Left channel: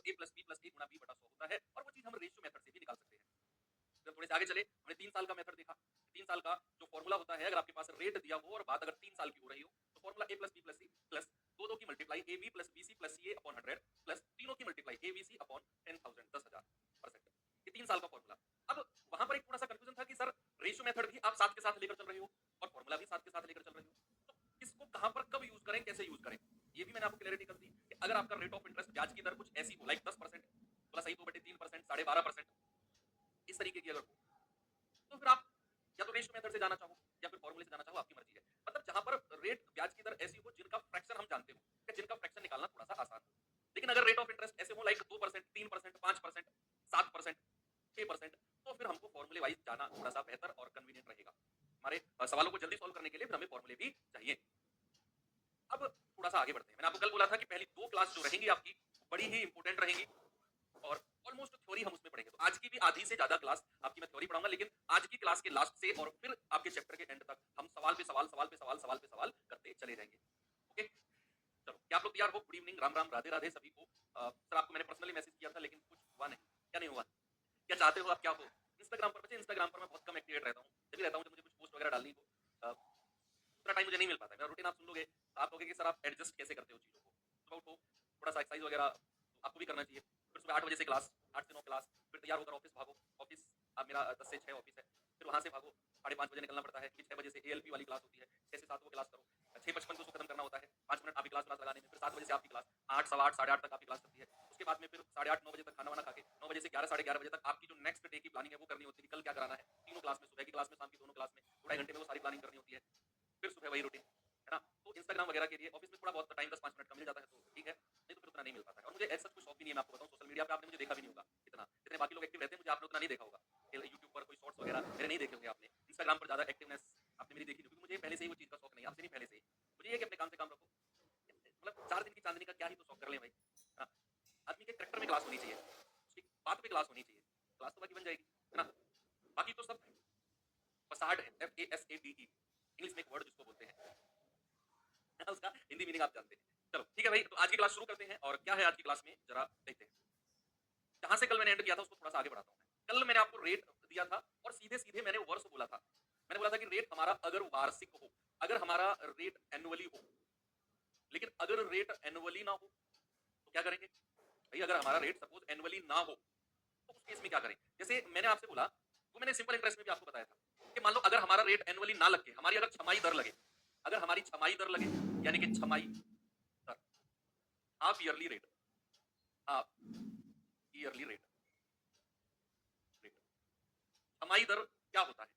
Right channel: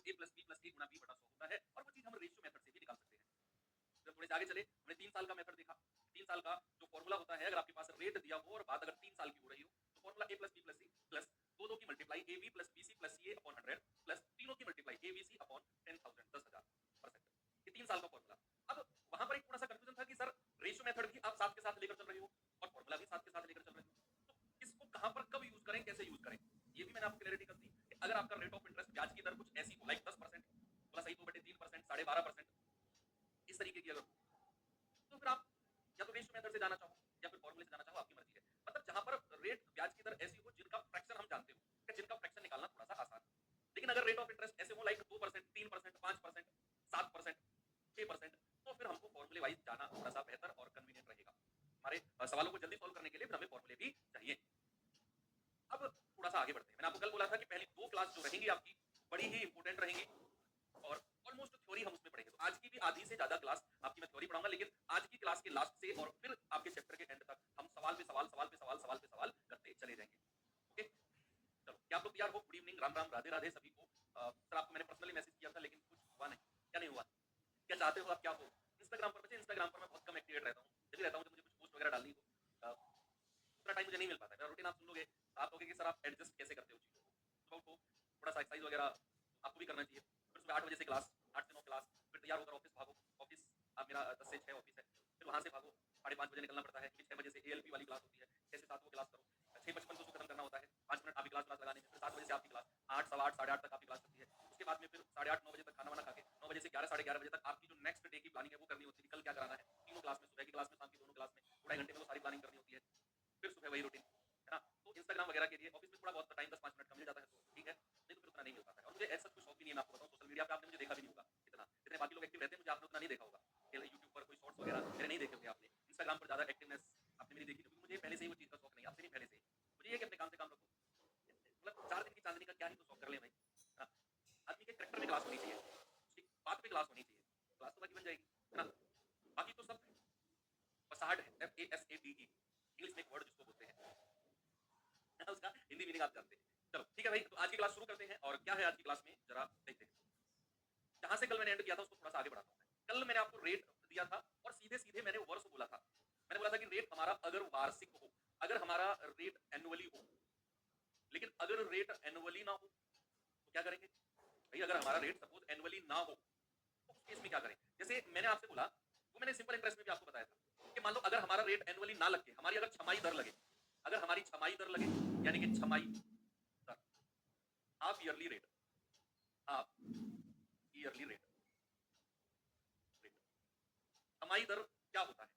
तो a plus B गुणा B बटा 100 होता है, और वो चीज हम रेशियो मेथड से भी निकाल सकते हैं। फिर थोड़े से आगे चले, हमने 3 साल का मेथड देखा। 3 साल का जो फॉर्मूला होता है, अगर आपके पास रेट दिया हो और बात अगर 3 साल की हो रही हो, तो formula a plus B plus C plus 2 की multiply A B plus B C plus C A upon 100 plus तीनों की multiply A B C upon 10,000 10,000%। ये 3 साल का फॉर्मूला। अब वहां पर एक थोड़ा सा कंफ्यूजन था कि सर रेशियो मेथड भी आप साथ के साथ लेकर चल रहे हो और फॉर्मूला भी साथ के साथ लेकर चल रहे हो, तो किसको कहां पर कब यूज करें, कैसे यूज करें, ये भी मैंने आपको क्लैरिटी कर दी कि अगर आपका रेट ऑफ इंटरेस्ट ब्याज की दर कुछ ऐसी हो, लाइक 10% प्लस आई 2/3%, 12.5%, इस तरीके की अगर हो, तो फिर आप या तो रेशियो मेथड से जाना चाहो या फिर फॉर्मूले से जाना चाहो, आपकी मर्जी है। मतलब जहां पर रेट ब्याज की दर ऐसी हो जिनका फ्रैक्शन हम जानते हो, कि जिनका फ्रैक्शन निकालना थोड़ा सा आसान हो। लेकिन अगर रेट ऑफ इंटरेस्ट ऐसे हो लाइक 2%, 3%, 5%, 7%, 6%, तो फिर हमको फॉर्मूले वाइज जाना थोड़ा सा बेहतर और कन्वीनियंट रहेगा। हमारे सवालों को जल्दी सॉल्व करने के लिए फिर हमें फॉर्मूले भी चाहिए। अब थोड़ा सा आगे बढ़ते हैं। मैंने आपको कल बोला था कि पहली 2 क्लास जो रहेंगी आपकी, बड़ी ही इंपॉर्टेंट रहेंगी और ऑलमोस्ट थ्योरी हम उसमें पढ़ेंगे। तो आज की भी आधी से ज्यादा क्लास आपकी मैं थ्योरी पढ़ाऊंगा, लेकिन आज की क्लास के लास्ट से और फिर आपके चैप्टर के एंड तक हम सवाल पे सवाल, सवाल पे सवाल, सवाल पे सवाल करते चले जाएंगे। ओके, चलो क्या आप लोग तैयार हो? गुड इवनिंग, राम राम, राधे राधे सभी को। सर आपको मैंने पर्सनली मैसेज किया था लेकिन कुछ हुआ नहीं, क्या नहीं हुआ? क्या चाहते हो आप, क्या हो? इंस्टाग्राम पर बच्चे, इंस्टाग्राम पर मैं बहुत कम एक्टिवेट रहता हूँ, जब भी रहता हूँ जब मुझे कुछ पोस्ट वगैरह डालनी हो, उतना टाइम मुझे नहीं मिल पाता है। मेरा रूटीन आप सुन लोगे, आप कहोगे कि सर आप एडजस्ट कैसे करते हो चीज़ों को। सुबह उठो, थोड़ा सा एक्सरसाइज वगैरह तो आपको भी करना चाहिए, फिर सुबह 8 बजे से क्लास, 8 से 9 क्लास, फिर तैयार होकर ऑफिस भागो। ऑफिस अब मेरा 10 से 6 ऑफिस है, फिर वहाँ से भागो, 5:30 बजे निकलना पड़ता है क्योंकि 6 बजे से एएलपी वाली क्लास होती है, 6 से 7 वो क्लास करो, 6:55 को उसको खत्म करना होता है, 5 मिनट आपकी क्लास लगाने में, फिर 7 बजे से आपकी क्लास, 8 सवा 8 साढ़े 8 तक आपकी क्लास चलती है। उसके बाद में फिर 8:30 9 बजे तक खाना वाना खा के 9 बजे से 11 साढ़े 11 बजे तक आपकी जो नेक्स्ट डे की प्लानिंग है वो करनी होती है, कल क्या कराना है तीनों क्लास में, सुबह की क्लास में, शाम की दोनों क्लास में, 2 घंटे में वो सारी प्लानिंग करनी होती है। फिर सुबह वही रूटीन, है ना? तो इंस्टाग्राम वगैरह के लिए ऑफिस में थोड़ा बहुत टाइम 10-5 मिनट का मिल जाता है तो ठीक है, नहीं तो फिर उतना नहीं मिल पाता है। और मुझे ऐसा कोई शौक भी नहीं है, मैं आपको बताऊं, सोशल मीडिया पे आपने मुझे देखा भी नहीं होगा इतना, जितने बाकी लोग एक्टिव रहते हैं मुझे आपने उतना नहीं देखा होगा। यूट्यूब पर कोई शॉर्ट्स वगैरह मेरे नहीं देखे होंगे आपने, इंस्टाग्राम पर ज्यादा एक्टिवनेस आपने मेरी देखी नहीं, क्योंकि मुझे पहले से ही वो चीज़ का शौक नहीं, आपसे नहीं, पहले से ही मुझे ये कि अपने काम से काम रखो। मतलब 4 दिन की चांदनी का क्या ही तो शौक कर ले भाई, है ना? आदमी के करेक्टर में क्लास होनी चाहिए, उसकी बात पे क्लास होनी चाहिए, क्लास तो बाकी बन जाएगी, है ना? बाकी तो सब फसाड है, FASADE, इंग्लिश में एक वर्ड जिसको बोलते हैं, उसका हिंदी मीनिंग आप जानते हैं। चलो ठीक है भाई, तो आज की क्लास शुरू करते हैं और क्या है आज की क्लास में जरा देखते हैं। जहां से कल मैंने एंड किया था उसको थोड़ा सा आगे बढ़ाता हूँ। कल मैंने आपको रेट दिया था और सीधे सीधे मैंने वर्ष बोला था। मैंने बोला था कि रेट हमारा अगर वार्षिक हो, अगर हमारा रेट एनुअली हो, लेकिन अगर रेट एनुअली ना हो तो क्या करेंगे भाई? अगर हमारा रेट सपोज एनुअली ना हो तो उस केस में क्या करें? जैसे मैंने आपसे बोला, वो मैंने सिंपल इंटरेस्ट में भी आपको बताया था कि मान लो अगर हमारा रेट एनुअली ना लगे, हमारी अगर छमाही दर लगे, अगर हमारी छमाही दर लगे, यानी कि छमाही दर, half yearly rate, half yearly rate, rate, छमाही दर क्या होता है?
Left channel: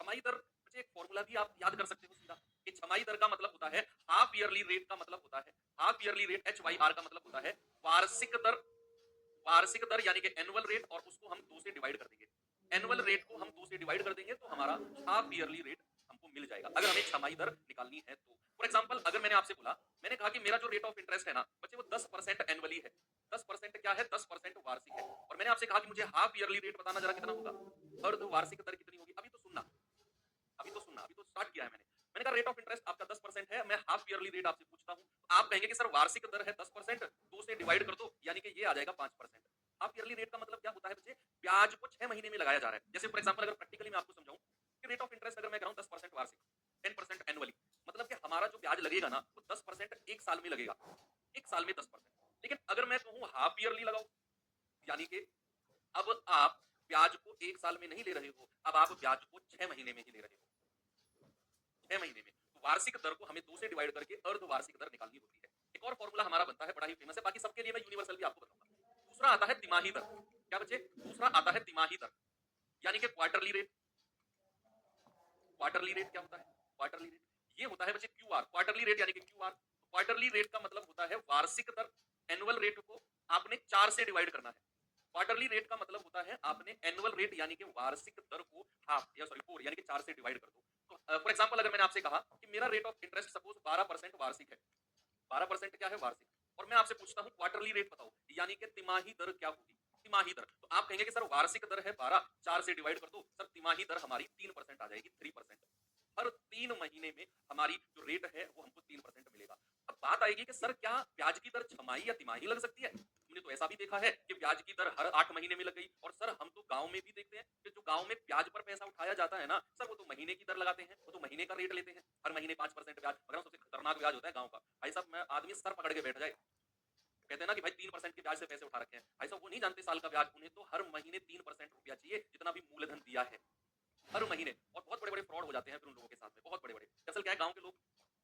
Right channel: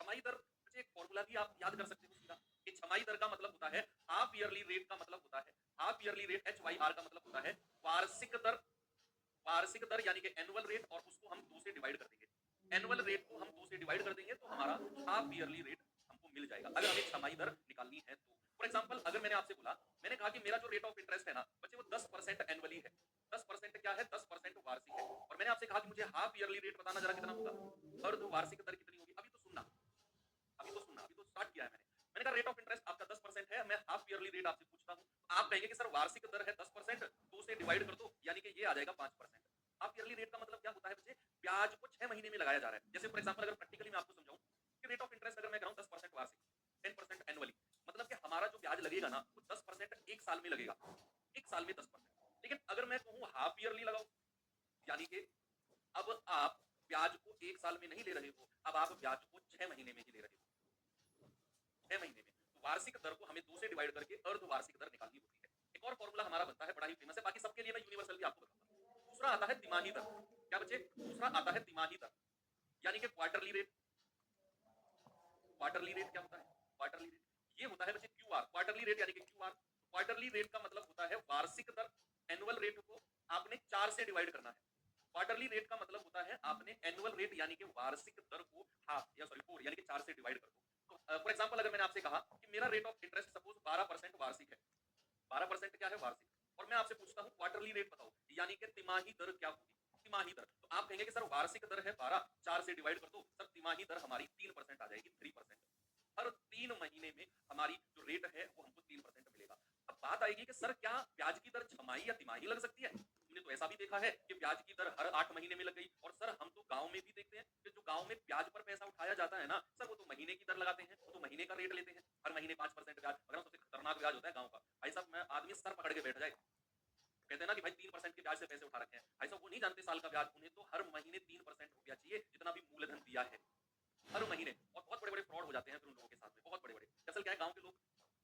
छमाही दर मुझे एक फॉर्मूला भी आप याद कर सकते हो सीधा, कि छमाही दर का मतलब होता है हाफ ईयरली रेट, का मतलब होता है हाफ ईयरली रेट, HYR का मतलब होता है वार्षिक दर, वार्षिक दर यानी कि एनुअल रेट, और उसको हम 2 से डिवाइड कर देंगे। एनुअल रेट को हम 2 से डिवाइड कर देंगे तो हमारा हाफ ईयरली रेट हमको मिल जाएगा, अगर हमें छमाही दर निकालनी है तो। फॉर एग्जांपल अगर मैंने आपसे बोला, मैंने कहा कि मेरा जो रेट ऑफ इंटरेस्ट है ना बच्चे, वो 10% एनुअली है, 10% क्या है, 10% वार्षिक है, और मैंने आपसे कहा कि मुझे हाफ ईयरली रेट बताना जरा कितना होगा, अर्ध वार्षिक दर कितनी होगी। अभी तो सुनना, अभी तो सुनना, अभी तो स्टार्ट किया है मैंने। मैंने कहा रेट ऑफ इंटरेस्ट आपका 10% है, मैं हाफ ईयरली रेट आपसे पूछता हूं, तो आप कहेंगे कि सर वार्षिक दर है 10%, 2 से डिवाइड कर दो यानी कि ये आ जाएगा 5%। हाफ ईयरली रेट का मतलब क्या होता है बच्चे? ब्याज को 6 महीने में लगाया जा रहा है। जैसे फॉर एग्जांपल अगर प्रैक्टिकली मैं आपको समझाऊं कि रेट ऑफ इंटरेस्ट अगर मैं कहूं 10% वार्षिक, 10% एनुअली, मतलब कि हमारा जो ब्याज लगेगा ना वो 10% एक साल में लगेगा, एक साल में 10%। लेकिन अगर मैं कहूं हाफ ईयरली लगाओ, यानी कि अब आप ब्याज को एक साल में नहीं ले रहे हो, अब आप ब्याज को 6 महीने में ही ले रहे हो, 6 महीने में। तो वार्षिक दर को हमें 2 से डिवाइड करके अर्ध वार्षिक दर निकालनी होती है। एक और फॉर्मूला हमारा बनता है, बड़ा ही फेमस है, बाकी सबके लिए मैं यूनिवर्सल भी आपको बताऊंगा। दूसरा आता है तिमाही दर। क्या बच्चे? दूसरा आता है तिमाही दर, यानी कि क्वार्टरली रेट। क्वार्टरली रेट क्या होता है? क्वार्टरली रेट ये होता है बच्चे क्यूआर, क्वार्टरली रेट यानी कि क्यूआर। क्वार्टरली रेट का मतलब होता है वार्षिक दर, एनुअल रेट को आपने 4 से डिवाइड करना है। क्वार्टरली रेट का मतलब होता है आपने एनुअल रेट यानी कि वार्षिक दर को हाफ या सॉरी 4 यानी कि 4 से डिवाइड कर दो। फॉर एग्जांपल अगर मैंने आपसे कहा कि मेरा रेट ऑफ इंटरेस्ट सपोज 12% वार्षिक है, 12% क्या है? वार्षिक, और मैं आपसे पूछता हूं क्वार्टरली रेट बताओ, यानी कि तिमाही दर क्या होगी? तिमाही दर, तो आप कहेंगे कि सर वार्षिक दर है 12, 4 से डिवाइड कर दो, सर तिमाही दर हमारी 3% आ जाएगी, 3%। हर 3 महीने में हमारी जो रेट है वो हमको 3% मिलेगा। अब बात आएगी कि सर क्या ब्याज की दर छमाही या तिमाही लग सकती है? हमने तो ऐसा भी देखा है कि ब्याज की दर हर 8 महीने में लग गई। और सर हम तो गाँव में भी देखते हैं कि जो गाँव में ब्याज पर पैसा उठाया जाता है ना, सर वो तो महीने की दर लगाते हैं, वो तो महीने का रेट लेते हैं। हर महीने 5% ब्याज, मगर सबसे खतरनाक ब्याज होता है गाँव का। भाई साहब मैं आदमी सर पकड़ के बैठ जाए। कहते हैं ना कि भाई 3% के ब्याज से पैसे उठा रखे हैं। भाई साहब वो नहीं जानते साल का ब्याज, उन्हें तो हर महीने 3% रुपया चाहिए, जितना भी मूलधन दिया है। हर महीने। और बहुत बड़े-बड़े फ्रॉड हो जाते हैं फिर उन लोगों के साथ में, बहुत बड़े-बड़े। दरअसल क्या है, गाँव के लोग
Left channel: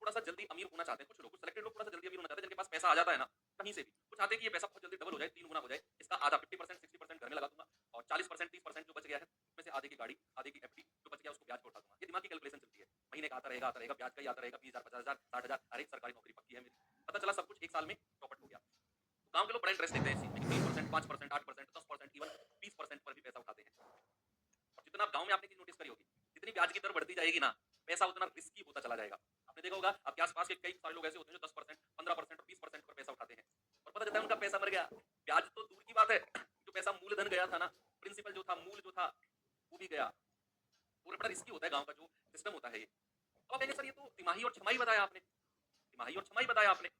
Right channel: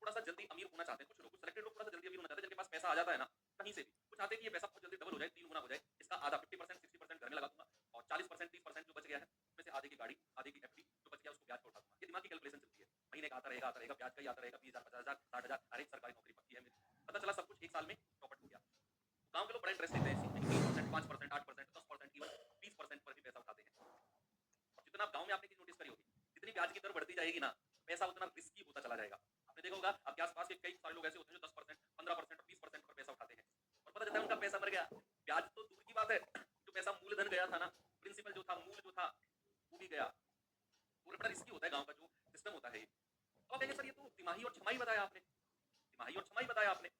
थोड़ा-सा जल्दी अमीर होना चाहते हैं, कुछ लोग, कुछ सिलेक्टेड लोग थोड़ा-सा जल्दी अमीर होना चाहते हैं, जिनके पास पैसा आ जाता है ना, कहीं से भी। वो चाहते हैं कि ये पैसा बहुत जल्दी डबल हो जाए, 3 गुना हो जाए, इसका आधा 50% 60% घर में लगा दूँगा और 40% 30% जो बच गया है, उसमें से आधे की गाड़ी, आधे की एफडी, जो बच गया उसको ब्याज पे उठा दूँगा। ये दिमाग की कैलकुलेशन चलती है। महीने का आता रहेगा, ब्याज का ही आता रहेगा, 20,000 50,000 60,000, अरे सरकारी नौकरी पक्की है मेरी। पता चला सब कुछ 1 साल में चौपट हो गया। तो गाँव के लोग बड़ा इंटरेस्ट लेते हैं इस चीज़ में कि 3%, 5%, 8%, 10%, इवन 20% पर भी पैसा उठाते हैं। और जितना आप गाँव में आपने चीज़ नोटिस करी होगी, जितनी ब्याज की दर बढ़ती जाएगी ना, पैसा उतना रिस्की होता चला जाएगा। आपने देखा होगा आपके आस-पास के कई सारे लोग ऐसे होते हैं जो 10%, 15% और 20% पर पैसा उठाते हैं और पता चलता है उनका पैसा मर गया। ब्याज तो दूर की बात है, जो पैसा मूलधन गया था ना, प्रिंसिपल जो था, मूल जो था, वो भी गया। पूरा बड़ा रिस्की होता है गाँव का जो सिस्टम होता है ये। अब आप कहेंगे सर ये तो तिमाही और छमाही बताया आपने, तिमाही और छमाही बताया आपने।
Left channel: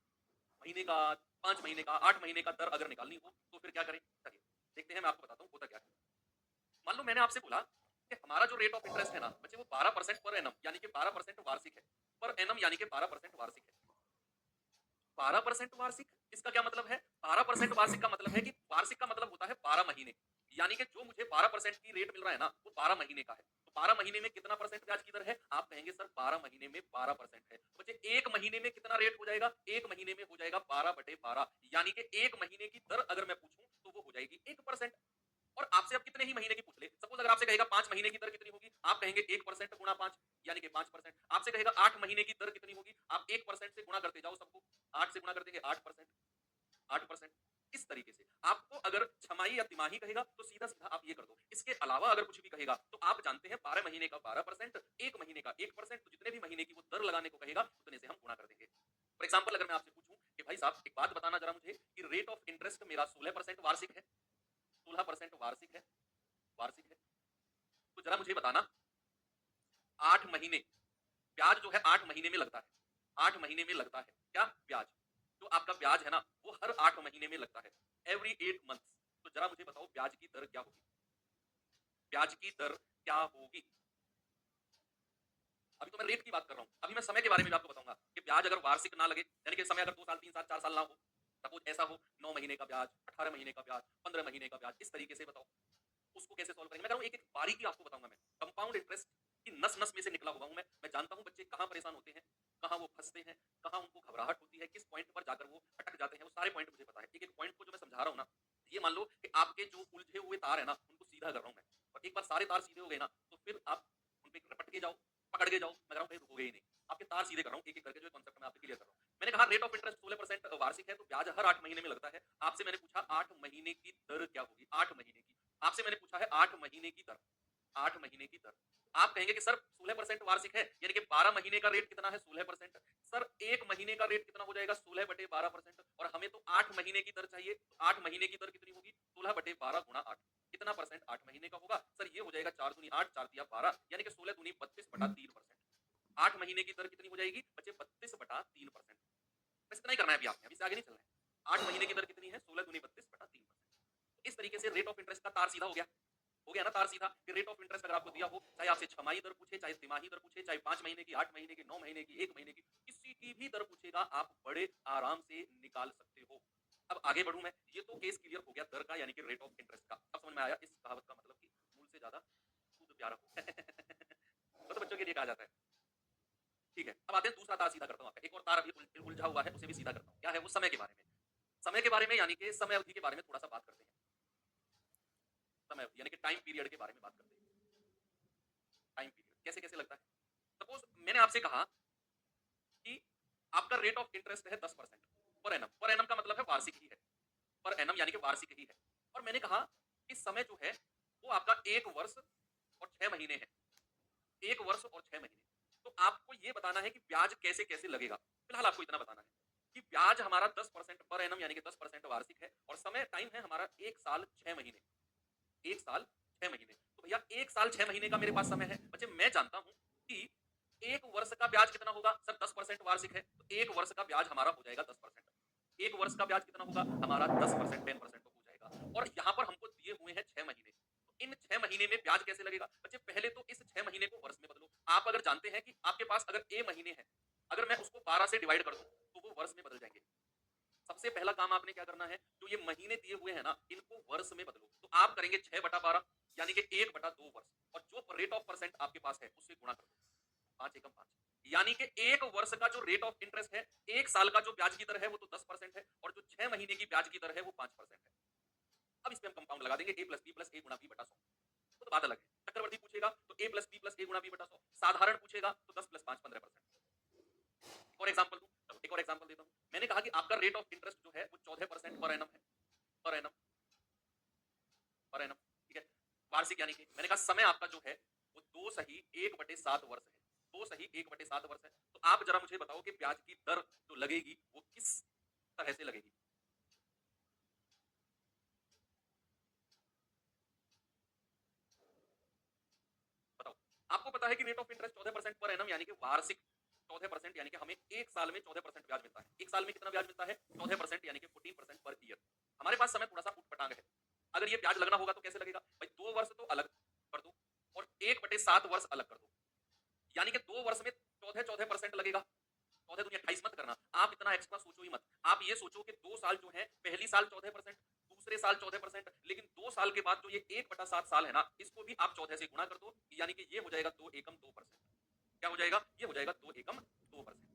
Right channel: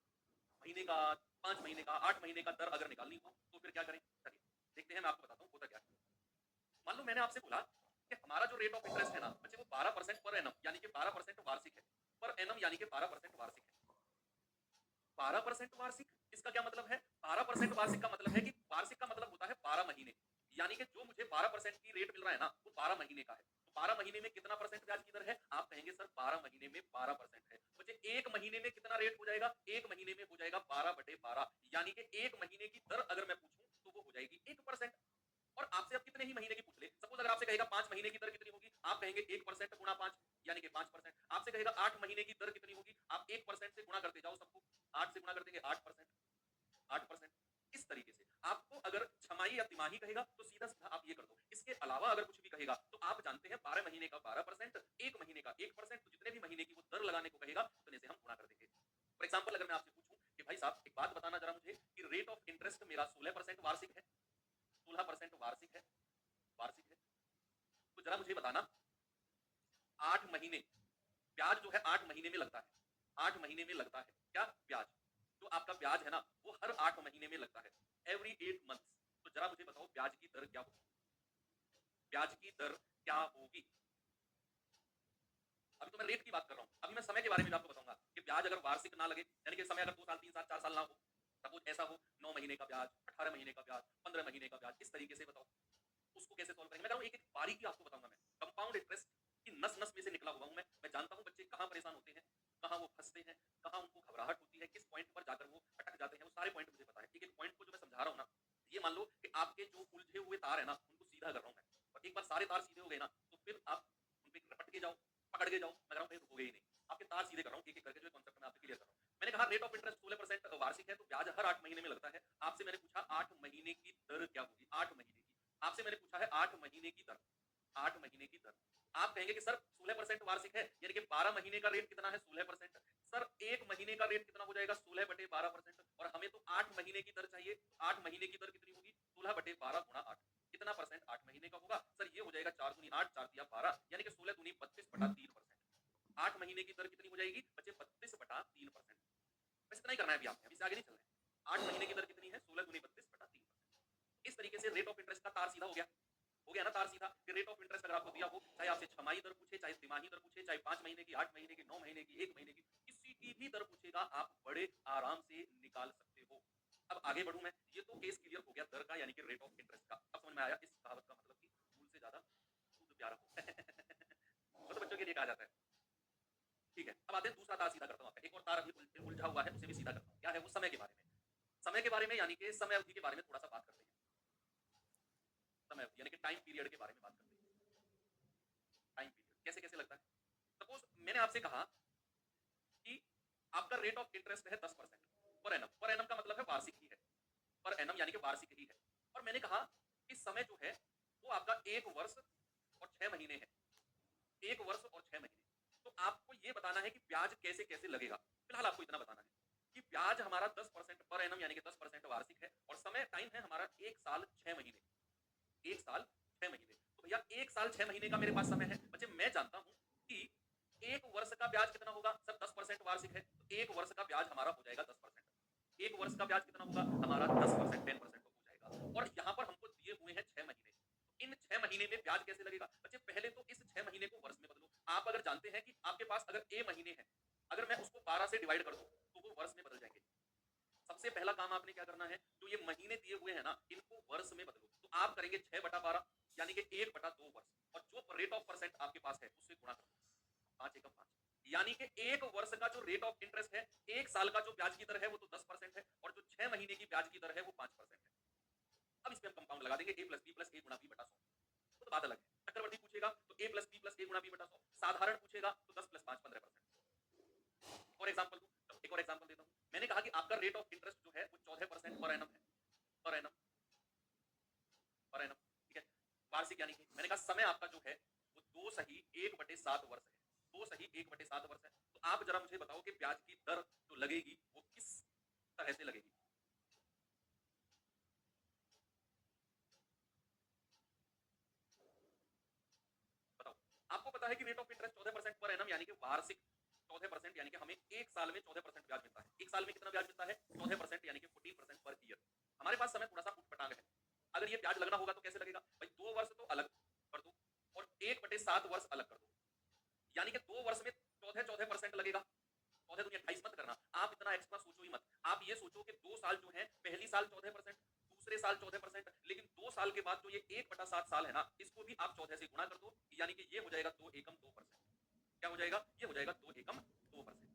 महीने का, 5 महीने का, 8 महीने का दर अगर निकालनी हो तो फिर क्या करें? चलिए, देखते हैं, मैं आपको बताता हूँ होता क्या है। मान लो मैंने आपसे बोला कि हमारा जो रेट ऑफ इंटरेस्ट है ना बच्चे, वो 12% पर एनम यानी कि 12% वार्षिक है। पर एनम यानी कि 12% वार्षिक है। 12% वार्षिक, इसका क्या मतलब है? 12% वार्षिक का मतलब है कि वार्षिक का मतलब होता है 12 महीने। यानी कि जो मुझे 12% की रेट मिल रहा है ना, वो 12 महीने का है। तो 12 महीने में कितना परसेंट ब्याज की दर है? आप कहेंगे सर 12 महीने में 12% है। तो बच्चे 1 महीने में कितना रेट हो जाएगा? 1 महीने में हो जाएगा 12/12, यानी कि 1 महीने की दर अगर मैं पूछूं तो वो हो जाएगी 1%। और आपसे अब कितने ही महीने की पूछ ले, सपोज अगर आपसे कहेगा 5 महीने की दर कितनी होगी, आप कहेंगे 1% गुणा 5 यानी कि 5%। आपसे कहेगा 8 महीने की दर कितनी होगी, आप 1% से गुणा करते जाओ सबको, 8 से गुणा कर देंगे 8%, 8%। इस तरीके से आपको अगर छमाही या तिमाही कहेगा तो सीधा सीधा आप ये कर दो। इसके अलावा अगर कुछ भी कहेगा तो आप जानते हैं 12 महीने का 12%, 1 महीने का 1%, तो जितने भी महीने की वो दर लगाने को कहेगा उतने से हम गुणा कर देंगे। फॉर एग्जाम्पल अगर मैं आपसे पूछूं कि भाई साहब एक बात बताना जरा मुझे कि रेट ऑफ इंटरेस्ट मेरा 16% वार्षिक है, 16% वार्षिक है, वार्षिक है, तो जरा मुझे बताना 8 महीने ब्याज जो है 8 महीने में लगता है, 8 महीने में लगता है क्या ब्याज? जो आपका ब्याज है ना वो हर 8 महीने में लगता है, एवरी 8 मंथ्स। तो जरा मुझे बताओ ब्याज की दर क्या होगी? ब्याज की दर क्या होगी? अभी तो मैं रेट की बात कर रहा हूँ, अभी मैं समय के बारे में भी आपको बताऊंगा कि ब्याज अगर वार्षिक ना लगे, यानी कि समय अगर 2 साल 3 साल 4 साल ना हो, सपोज ऐसा हो 9 महीने का ब्याज, 18 महीने का ब्याज, 15 महीने का ब्याज, इस तरीके से बताओ उसको कैसे सॉल्व करेंगे। मैं कह रहा हूँ एक एक बारीकी आपको बताऊंगा मैं। कंपाउंड इंटरेस्ट की नस नस में से निकला हुआ हूँ मैं जानता हूँ बच्चे कहाँ परेशान होते हैं, कहाँ वो फंसते हैं, कहाँ उनको घबराहट होती है, किस पॉइंट पर जाकर वो अटक जाते हैं, वो सारे पॉइंट मुझे पता है। एक एक पॉइंट को जो मैं समझा रहा हूँ ना, ये मान लो कि आपके जो उलझे हुए तार है ना उनको सीधा कर रहा हूँ मैं, और एक बार सारे तार सीधे हो गए ना तो फिर आप उन पे रपट के जाओ, पकड़ के जाओ, मैं कह रहा हूँ कहीं रुकोगे ही नहीं। आपके तार सीधे कर रहा हूँ एक एक करके, जो कॉन्सेप्ट मैं आपसे क्लियर कर रहा हूँ। मैंने कहा रेट ऑफ इंटरेस्ट 16% वार्षिक है, तो ब्याज हर 8 महीने में लगता है। आपसे मैंने पूछा 8 महीने की दर क्या होगी, 8 महीने की। आपसे मैंने पूछा है 8 महीने की दर, 8 महीने की दर। आप कहेंगे कि सर 16% वार्षिक है, यानी कि 12 महीने का रेट कितना है 16%। सर 1 महीने का रेट कितना हो जाएगा 16/12%, और हमें तो 8 महीने की दर चाहिए, तो 8 महीने की दर कितनी होगी 16/12 गुणा 8। कितना परसेंट 8 महीने का होगा? सर ये हो जाएगा 4 दूनी 8, 4 तिया 12, यानी कि 16 दूनी 32/3%। 8 महीने की दर कितनी हो जाएगी बच्चे? 32/3%। बस इतना ही करना है अभी आपने, अभी से आगे नहीं चलना है। 8 महीने की दर कितनी है? 16 दूनी 32/3%। इस तरीके से रेट ऑफ इंटरेस्ट का तार सीधा हो गया ना तार सीधा कि रेट ऑफ इंटरेस्ट अगर आपको दिया हो, चाहे आपसे छमाही दर पूछे, चाहे तिमाही दर पूछे, चाहे 5 महीने की, 8 महीने की, 9 महीने की, 1 महीने की, किसी की भी दर पूछेगा आप बड़े आराम से निकाल सकते हो। अब आगे बढ़ूं मैं, ये तो केस क्लियर हो गया दर का यानी कि रेट ऑफ इंटरेस्ट का। अब समझ में आया इस कहावत का मतलब कि मूल से ज्यादा दूध प्यारा हो। वो तो बच्चों के लिए कहा जाता है। ठीक है, अब आते हैं दूसरा तार सीधा करता हूँ आपका। एक और तार अभी उलझा हुआ है, उसे भी सीधा करता हूँ। क्या है वो? समय के बारे में। समय के बारे में यानी कि समय अवधि के बारे में थोड़ा सा बात करते हैं। समय अवधि यानी कि टाइम पीरियड के बारे में बात करते हैं। टाइम पीरियड कैसे कैसे लगता है? सपोज मैंने आपसे कहा कि आपका रेट ऑफ इंटरेस्ट है 10% पर एनम। पर एनम का मतलब है वार्षिक ही है, पर एनम यानी कि वार्षिक ही है। और मैंने कहा कि समय जो है वो आपका 1 वर्ष और 6 महीने है, 1 वर्ष और 6 महीने। तो आपको ये बताना है कि ब्याज कैसे कैसे लगेगा। फिलहाल आपको इतना बताना है कि ब्याज हमारा 10% पर एनम यानी कि 10% वार्षिक है, और समय टाइम है हमारा 1 साल 6 महीने, 1 साल 6 महीने। तो भैया 1 साल 6 महीने का मेरे पास समय है। बच्चे मैं जानता हूं कि 1 वर्ष का ब्याज कितना होगा? सर 10% वार्षिक है, तो 1 वर्ष का ब्याज हमारा हो जाएगा 10%। 1 वर्ष का ब्याज कितना होगा हमारा? 10%, 10% तो हो जाएगा। में ब्याज कैसे लगेगा? बच्चे पहले तो इस 6 महीने को वर्ष में बदलो। आप अगर जानते हैं कि आपके पास अगर ए महीने हैं, अगर मैं उसको 12 से डिवाइड कर दूं तो वो वर्ष में बदल जाएंगे। सबसे पहला काम आपने क्या करना है, जो ये महीने दिए हुए हैं ना, इनको वर्ष में बदलो। तो आप करेंगे 6/12 यानी कि 1/2 वर्ष, और जो रेट ऑफ परसेंट आपके पास है उससे गुणा कर दो। 5 एकम 5, यानी कि 1 वर्ष का जो रेट ऑफ इंटरेस्ट है, 1 साल का जो ब्याज की दर है वो तो 10% है, और जो 6 महीने की ब्याज की दर है वो 5% है। अब इस पे हम कंपाउंड लगा देंगे, a plus B plus A गुणा बी बटा 100। तो बात अलग है। चक्रवर्ती पूछेगा तो a plus B plus A गुणा बी बटा 100। साधारण पूछेगा तो 10 प्लस 5 15%। एक और एग्जांपल दूं, चलो एक और एग्जांपल देता हूं। मैंने कहा कि आपका रेट ऑफ इंटरेस्ट जो है वो 14% पर एनम है। पर एनम, पर एनम, ठीक है। वार्षिक यानी कि मैंने कहा समय आपका जो है वो 2 सही 1/7 वर्ष है। 2 सही 1/7 वर्ष है। तो आप जरा मुझे बताओ कि ब्याज की दर जो लगेगी वो किस तरह से लगेगी? बताओ। आपको पता है कि rate of interest 14% per annum यानी कि वार्षिक 14%, यानी कि हमें 1 साल में 14% ब्याज मिलता है। 1 साल में कितना ब्याज मिलता है? 14% यानी कि 14% पर ईयर। हमारे पास समय थोड़ा सा उठ-पटांग है। अगर ये ब्याज लगना होगा तो कैसे लगेगा? भाई 2 वर्ष तो अलग कर दो और 1/7 वर्ष अलग कर दो। यानी कि 2 वर्ष में 14% लगेगा। 14 दूनी 28 मत करना। आप इतना एक्स्ट्रा सोचो ही मत। आप ये सोचो कि 2 साल जो है, पहली साल 14%, दूसरे साल 14%, लेकिन 2 साल के बाद जो ये 1/7 साल है ना, इसको भी आप 14 से गुणा कर दो, यानी कि ये हो जाएगा 2 एकम 2%। क्या हो जाएगा? ये हो जाएगा 2 एकम 2%।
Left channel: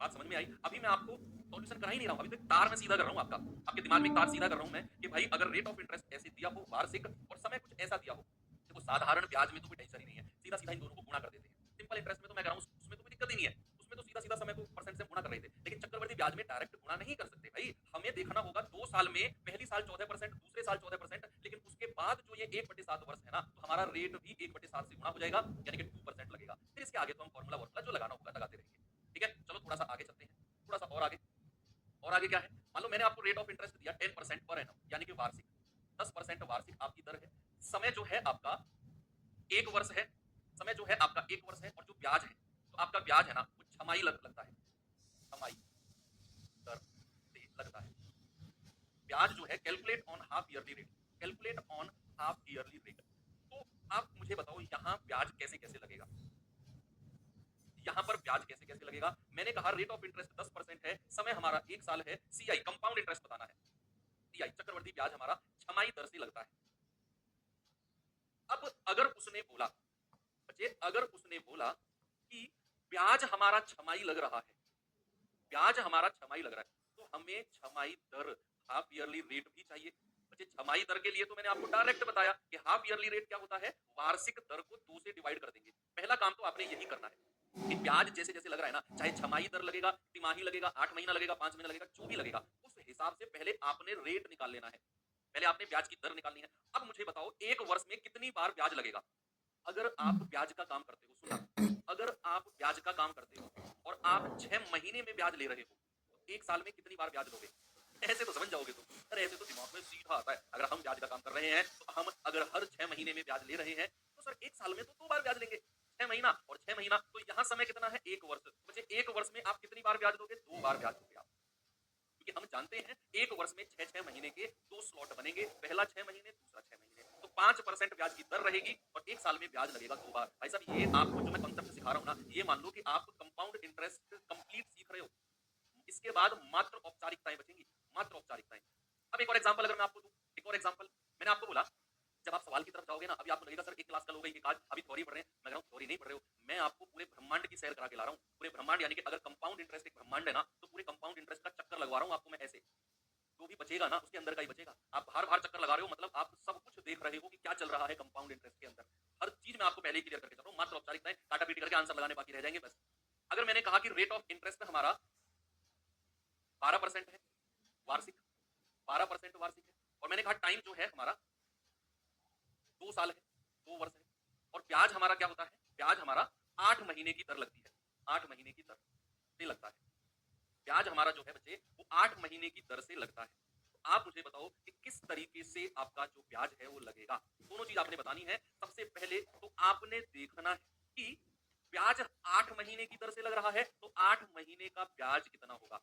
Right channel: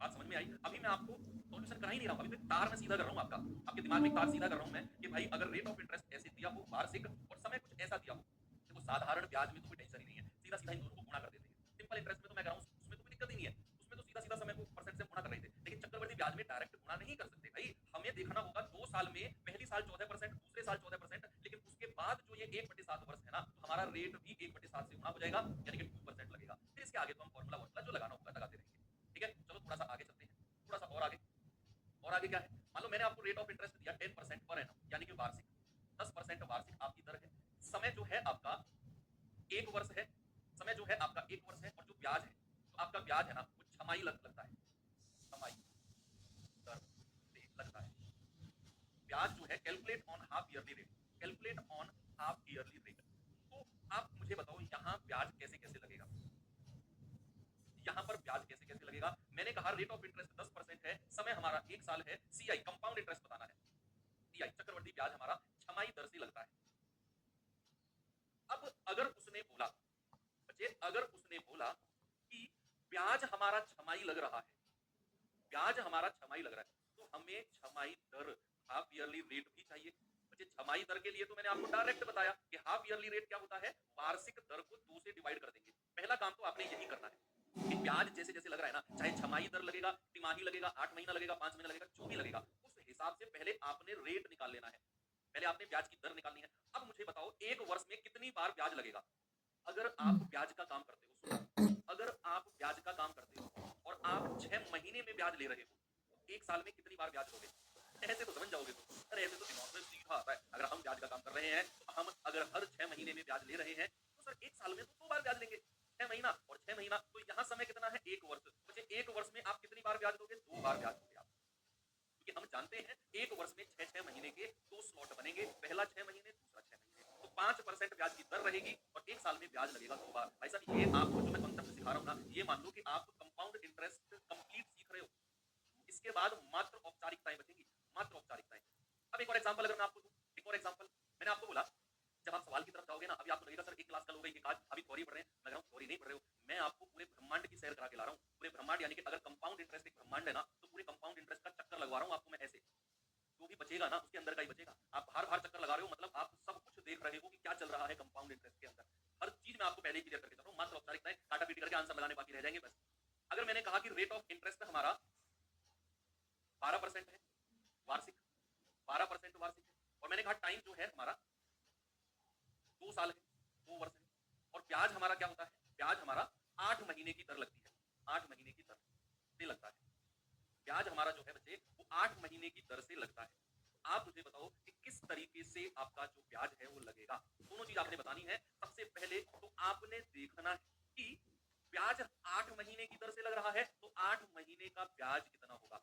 बात समझ में आई? अभी मैं आपको सॉल्यूशन करा ही नहीं रहा हूं, अभी तो एक तार में सीधा कर रहा हूं आपका। आपके दिमाग में एक तार सीधा कर रहा हूं मैं कि भाई अगर रेट ऑफ इंटरेस्ट ऐसे दिया हो वार्षिक, और समय कुछ ऐसा दिया हो, देखो साधारण ब्याज में तो कोई टेंशन ही नहीं है, सीधा सीधा इन दोनों को गुणा कर देते हैं। सिंपल इंटरेस्ट में तो मैं कर रहा हूं, उसमें तो कोई दिक्कत ही नहीं है, उसमें तो सीधा सीधा समय को परसेंट से गुणा कर रहे थे। लेकिन चक्रवर्ती ब्याज में डायरेक्ट गुणा नहीं कर सकते भाई, हमें देखना होगा 2 साल में, पहली साल 14%, दूसरे साल 14%, लेकिन उसके बाद जो ये 1/7 वर्ष है ना, तो हमारा रेट भी 1/7 से गुणा हो जाएगा, यानी कि 2% लगेगा। फिर इसके आगे तो हम फॉर्मूला वॉर्मूला जो लगाना होगा लगाते रहेंगे। ठीक है, चलो थोड़ा सा आगे चलते हैं, थोड़ा सा और आगे। और आगे क्या है? मान लो मैंने आपको रेट ऑफ इंटरेस्ट दिया 10% पर एनम, यानी कि वार्षिक 10% वार्षिक आपकी दर है। समय जो है आपका 1 वर्ष है, समय जो है आपका 1 वर्ष है, और जो ब्याज है, तो आपका ब्याज है ना वो छमाही लगता है, छमाही दर से लगता है। ब्याज जो है calculate on half yearly rate, calculate on half yearly rate. तो आप मुझे बताओ यहाँ ब्याज कैसे कैसे लगेगा? यहाँ पर ब्याज कैसे कैसे लगेगा? मैंने कहा रेट ऑफ इंटरेस्ट 10% है, समय हमारा 1 साल है, सीआई कंपाउंड इंटरेस्ट बताना है, सीआई चक्रवर्ती ब्याज हमारा छमाही दर से लगता है। अब अगर उसने बोला, बच्चे अगर उसने बोला कि ब्याज हमारा छमाही लग रहा है, ब्याज हमारा छमाही लग रहा है, तो हमें छमाही दर हाफ ईयरली रेट भी चाहिए। बच्चे छमाही दर के लिए तो मैंने आपको डायरेक्ट बताया कि हाफ ईयरली रेट क्या होता है, वार्षिक दर को 2 से डिवाइड कर देंगे। पहला काम तो आपने यही करना है कि ब्याज जैसे जैसे लग रहा है ना, चाहे छमाही दर लगेगा, तिमाही लगेगा, 8 महीना लगेगा, 5 महीना लगेगा, जो भी लगेगा, उस हिसाब से पहले आपने रेट निकाल लेना है, पहले आपने ब्याज की दर निकालनी है। अब मुझे बताओ 1 वर्ष में कितनी बार ब्याज लगेगा? अगर आप ब्याज का काम करते हो, सुनो, अगर आप ब्याज का काम करते हो और आप 6 महीने में ब्याज ले रहे हो, तो 1 साल में कितनी बार ब्याज लोगे? ऐसे तो समझ जाओगे तुम। अरे ऐसे तो दिमाग में सीधा आता है। अगर हम ब्याज का काम कर रहे हैं, तो हम अगर हर 6 महीने में ब्याज ले रहे हैं, तो सर 1 साल में तो 2 बार ब्याज लेंगे। 6 महीना और 6 महीना, तो यहाँ समय कितना है? 1 वर्ष। मुझे 1 वर्ष में आप कितनी बार ब्याज दोगे? 2 बार ब्याज दोगे आप। क्योंकि हम जानते हैं 1 वर्ष में 6-6 महीने के 2 स्लॉट बनेंगे, पहला 6 महीने, दूसरा 6 महीने। तो 5% ब्याज की दर रहेगी और 1 साल में ब्याज लगेगा 2 बार। भाई साहब ये आपको जो मैं कॉन्सेप्ट सिखा रहा हूँ ना, ये मान लो कि आप कंपाउंड इंटरेस्ट कंप्लीट सीख रहे हो। इसके बाद मात्र औपचारिकताएं बचेंगी, मात्र औपचारिकताएं। अब एक और एग्जांपल अगर मैं आपको दूं, एक और एग्जांपल, मैंने आपको बोला जब आप सवाल की तरफ जाओगे ना, अभी आपको लगेगा सर एक क्लास कल हो गई, एक आज अभी थ्योरी पढ़ रहे हैं। मैं कह रहा हूँ थ्योरी नहीं पढ़ रहे हो, मैं आपको पूरे ब्रह्मांड की सैर करा के ला रहा हूँ। पूरे ब्रह्मांड यानी कि अगर कंपाउंड इंटरेस्ट एक ब्रह्मांड है ना, तो पूरे कंपाउंड इंटरेस्ट का चक्कर लगवा रहा हूँ आपको मैं ऐसे। जो भी बचेगा ना उसके अंदर का ही बचेगा। आप बाहर बाहर चक्कर लगा रहे हो, मतलब आप सब कुछ देख रहे हो कि क्या चल रहा है कंपाउंड इंटरेस्ट के अंदर। हर चीज मैं आपको पहले ही क्लियर करके चल रहा हूँ, मात्र औपचारिकताएं काटा पीटी करके आंसर लगाने बाकी रह जाएंगे बस। अगर मैंने कहा कि रेट ऑफ इंटरेस्ट हमारा 12% है वार्षिक, 12% वार्षिक है, और मैंने कहा टाइम जो है हमारा 2 साल है, 2 वर्ष है, और ब्याज हमारा क्या होता है? ब्याज हमारा 8 महीने की दर लगती है, 8 महीने की दर से लगता है। ब्याज हमारा जो है बच्चे वो 8 महीने की दर से लगता है। तो आप मुझे बताओ कि किस तरीके से आपका जो ब्याज है वो लगेगा? दोनों चीज आपने बतानी है। सबसे पहले तो आपने देखना है कि ब्याज 8 महीने की दर से लग रहा है, तो 8 महीने का ब्याज कितना होगा?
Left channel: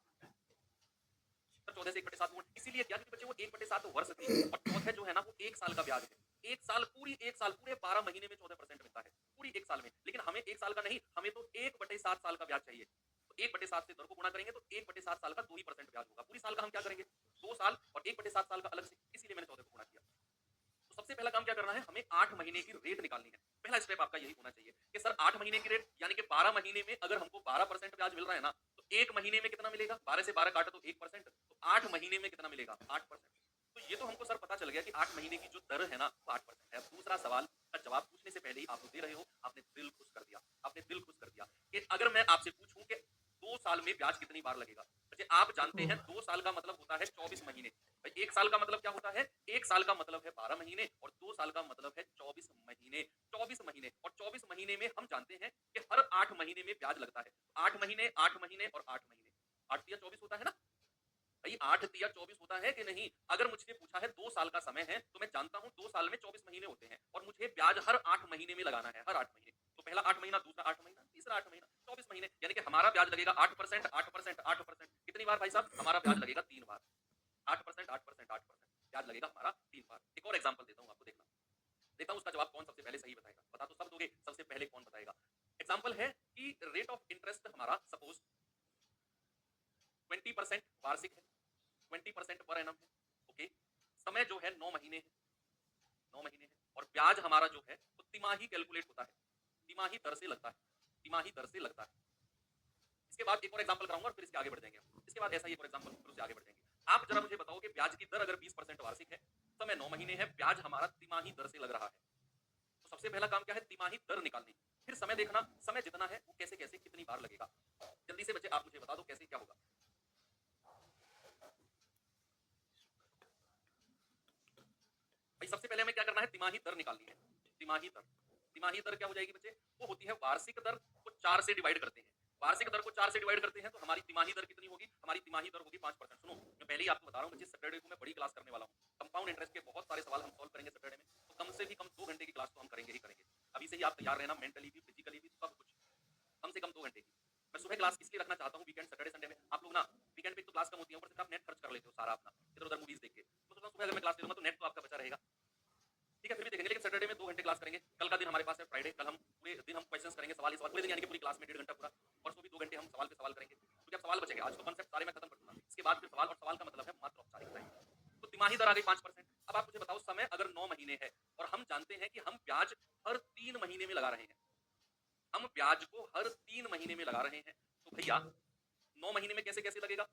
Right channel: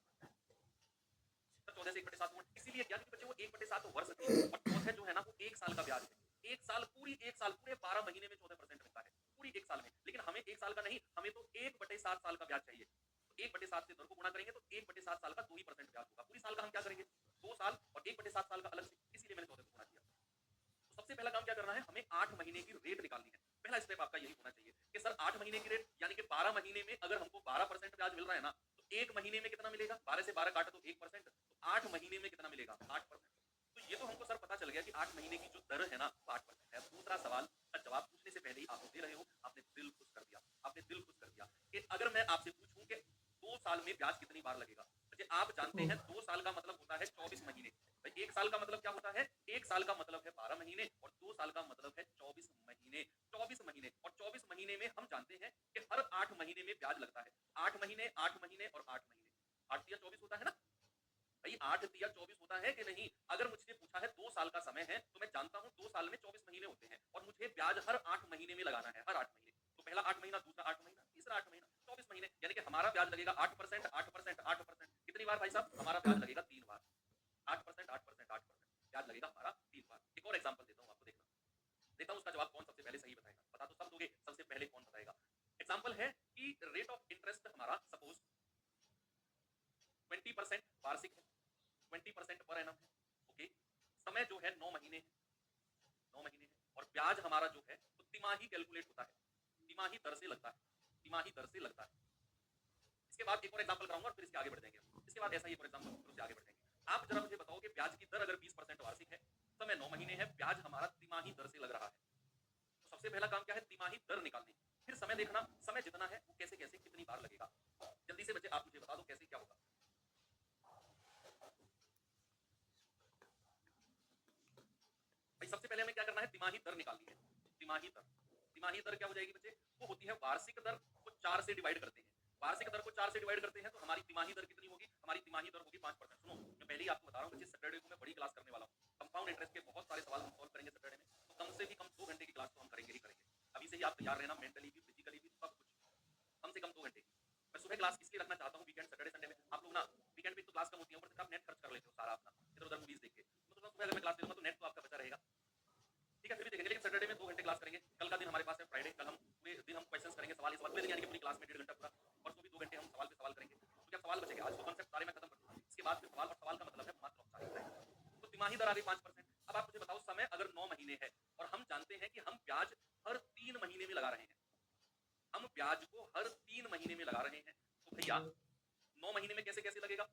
14 से 1/7 गुणा, इसीलिए क्या? क्योंकि बच्चे वो 1/7 वर्ष थी, और चौथे जो है ना वो 1 साल का ब्याज है। पूरी एक साल पूरे 12 महीने में 14% मिलता है पूरी एक साल में। लेकिन हमें एक साल का नहीं, हमें तो 1/7 साल का ब्याज चाहिए। तो 1/7 से दर को गुणा करेंगे तो 1/7 साल का 2 ही परसेंट ब्याज होगा। पूरी साल का हम क्या करेंगे, 2 साल और 1/7 साल का अलग से, इसीलिए मैंने 14 को गुणा किया। तो सबसे पहला काम क्या करना है, हमें 8 महीने की रेट निकालनी है। पहला स्टेप आपका यही होना चाहिए कि सर 8 महीने की रेट यानी कि 12 महीने में अगर हमको 12% ब्याज मिल रहा है ना, तो 1 महीने में कितना मिलेगा? 12 से 12 काटा तो 1%, तो 8 महीने में कितना मिलेगा? 8%। तो ये तो हमको सर पता चल गया कि 8 महीने की जो दर है ना, वो 8% है। अब दूसरा सवाल का जवाब पूछने से पहले ही आप दे रहे हो, आपने दिल खुश कर दिया। आपने दिल खुश कर दिया कि अगर मैं आपसे पूछूं कि 2 साल में ब्याज कितनी बार लगेगा? अच्छा, आप जानते हैं 2 साल का मतलब होता है 24 महीने। भाई 1 साल का मतलब क्या होता है? 1 साल का मतलब है 12 महीने और 2 साल का मतलब है 24 महीने। 24 महीने और 24 महीने में हम जानते हैं कि हर 8 महीने में ब्याज लगता है। 8 महीने, 8 महीने और 8 महीने। 8 तिया 24 होता है ना? भाई 8 तिया 24 होता है कि नहीं? अगर मुझसे पूछा है 2 साल का समय है, तो मैं जानता हूँ 2 साल में 24 महीने होते हैं और मुझे ब्याज हर 8 महीने में लगाना है, हर 8 महीने। तो पहला 8 महीना, दूसरा 8 महीना, तीसरा 8 महीना, 24 महीने। यानी कि हमारा ब्याज लगेगा 8%, 8%, 8%। कितनी बार भाई साहब? हमारा ब्याज लगेगा 3 बार। 8%, 8%, 8% ब्याज लगेगा हमारा 3 बार। एक और एग्जांपल देता हूँ आपको, देखना। देखता हूँ उसका जवाब कौन सबसे पहले सही बताएगा। बता तो सब दोगे, सबसे पहले कौन बताएगा? एग्जांपल है कि रेट ऑफ इंटरेस्ट हमारा सपोज 20% वार्षिक है, 20% पर एनम है। ओके, समय जो है 9 महीने है, 9 महीने है और ब्याज हमारा जो है वो तिमाही कैलकुलेट होता है, तिमाही दर से लगता है, तिमाही दर से लगता है। इसके बाद एक और एग्जांपल कराऊंगा और फिर इसके आगे बढ़ जाएंगे हम। इसके बाद ऐसा ही एक और एग्जांपल, फिर उससे आगे बढ़ जाएंगे। आप जरा मुझे बताओ कि ब्याज की दर अगर 20% वार्षिक है, समय 9 महीने है, ब्याज हमारा तिमाही दर से लग रहा है। तो सबसे पहला काम क्या है? तिमाही दर निकालनी। फिर समय देखना, समय जितना है वो कैसे कैसे कितनी बार लगेगा। जल्दी से बच्चे आप मुझे बता दो कैसे क्या होगा। भाई सबसे पहले हमें क्या करना है? तिमाही दर निकालनी है। तिमाही दर, तिमाही दर क्या हो जाएगी बच्चे? वो होती है वार्षिक दर को 4 से डिवाइड करते हैं। वार्षिक दर को 4 से डिवाइड करते हैं तो हमारी तिमाही दर कितनी होगी? हमारी तिमाही दर होगी 5%। सुनो, मैं पहले ही आपको बता रहा हूँ बच्चे, सैटरडे को मैं बड़ी क्लास करने वाला हूँ। कंपाउंड इंटरेस्ट के बहुत सारे सवाल हम सॉल्व करेंगे सैटरडे में, तो कम से भी कम 2 घंटे की क्लास तो हम करेंगे ही करेंगे। अभी से ही आप तैयार रहना, मेंटली भी, फिजिकली भी, सब कुछ। कम से कम 2 घंटे की। मैं सुबह क्लास इसलिए रखना चाहता हूँ वीकेंड, सैटरडे संडे में। आप लोग ना वीकेंड पे तो क्लास कम होती है, ऊपर से आप नेट खर्च कर लेते हो सारा अपना, इधर उधर मूवीज देख के। तो सोचा सुबह अगर मैं क्लास ले लूंगा तो नेट तो आपका बचा रहेगा। ठीक है, फिर भी देखेंगे, लेकिन सैटरडे में 2 घंटे क्लास करेंगे। कल का दिन हमारे पास है फ्राइडे, कल हम पूरे दिन हम क्वेश्चंस करेंगे, सवाल ही सवाल पूरे दिन, यानी कि पूरी क्लास में 1.5 घंटा पूरा। परसों भी 2 घंटे हम सवाल पे सवाल करेंगे। तो क्या सवाल बचेंगे? आज तो कॉन्सेप्ट सारे मैं खत्म कर दूंगा। इसके बाद फिर सवाल, और सवाल का मतलब है मात्र औपचारिकताएं। तो तिमाही दर आ गई 5%। अब आप मुझे बताओ, समय अगर 9 महीने है और हम जानते हैं कि हम ब्याज हर 3 महीने में लगा रहे हैं, हम ब्याज को हर 3 महीने में लगा रहे हैं, तो भैया 9 महीने में कैसे कैसे लगेगा?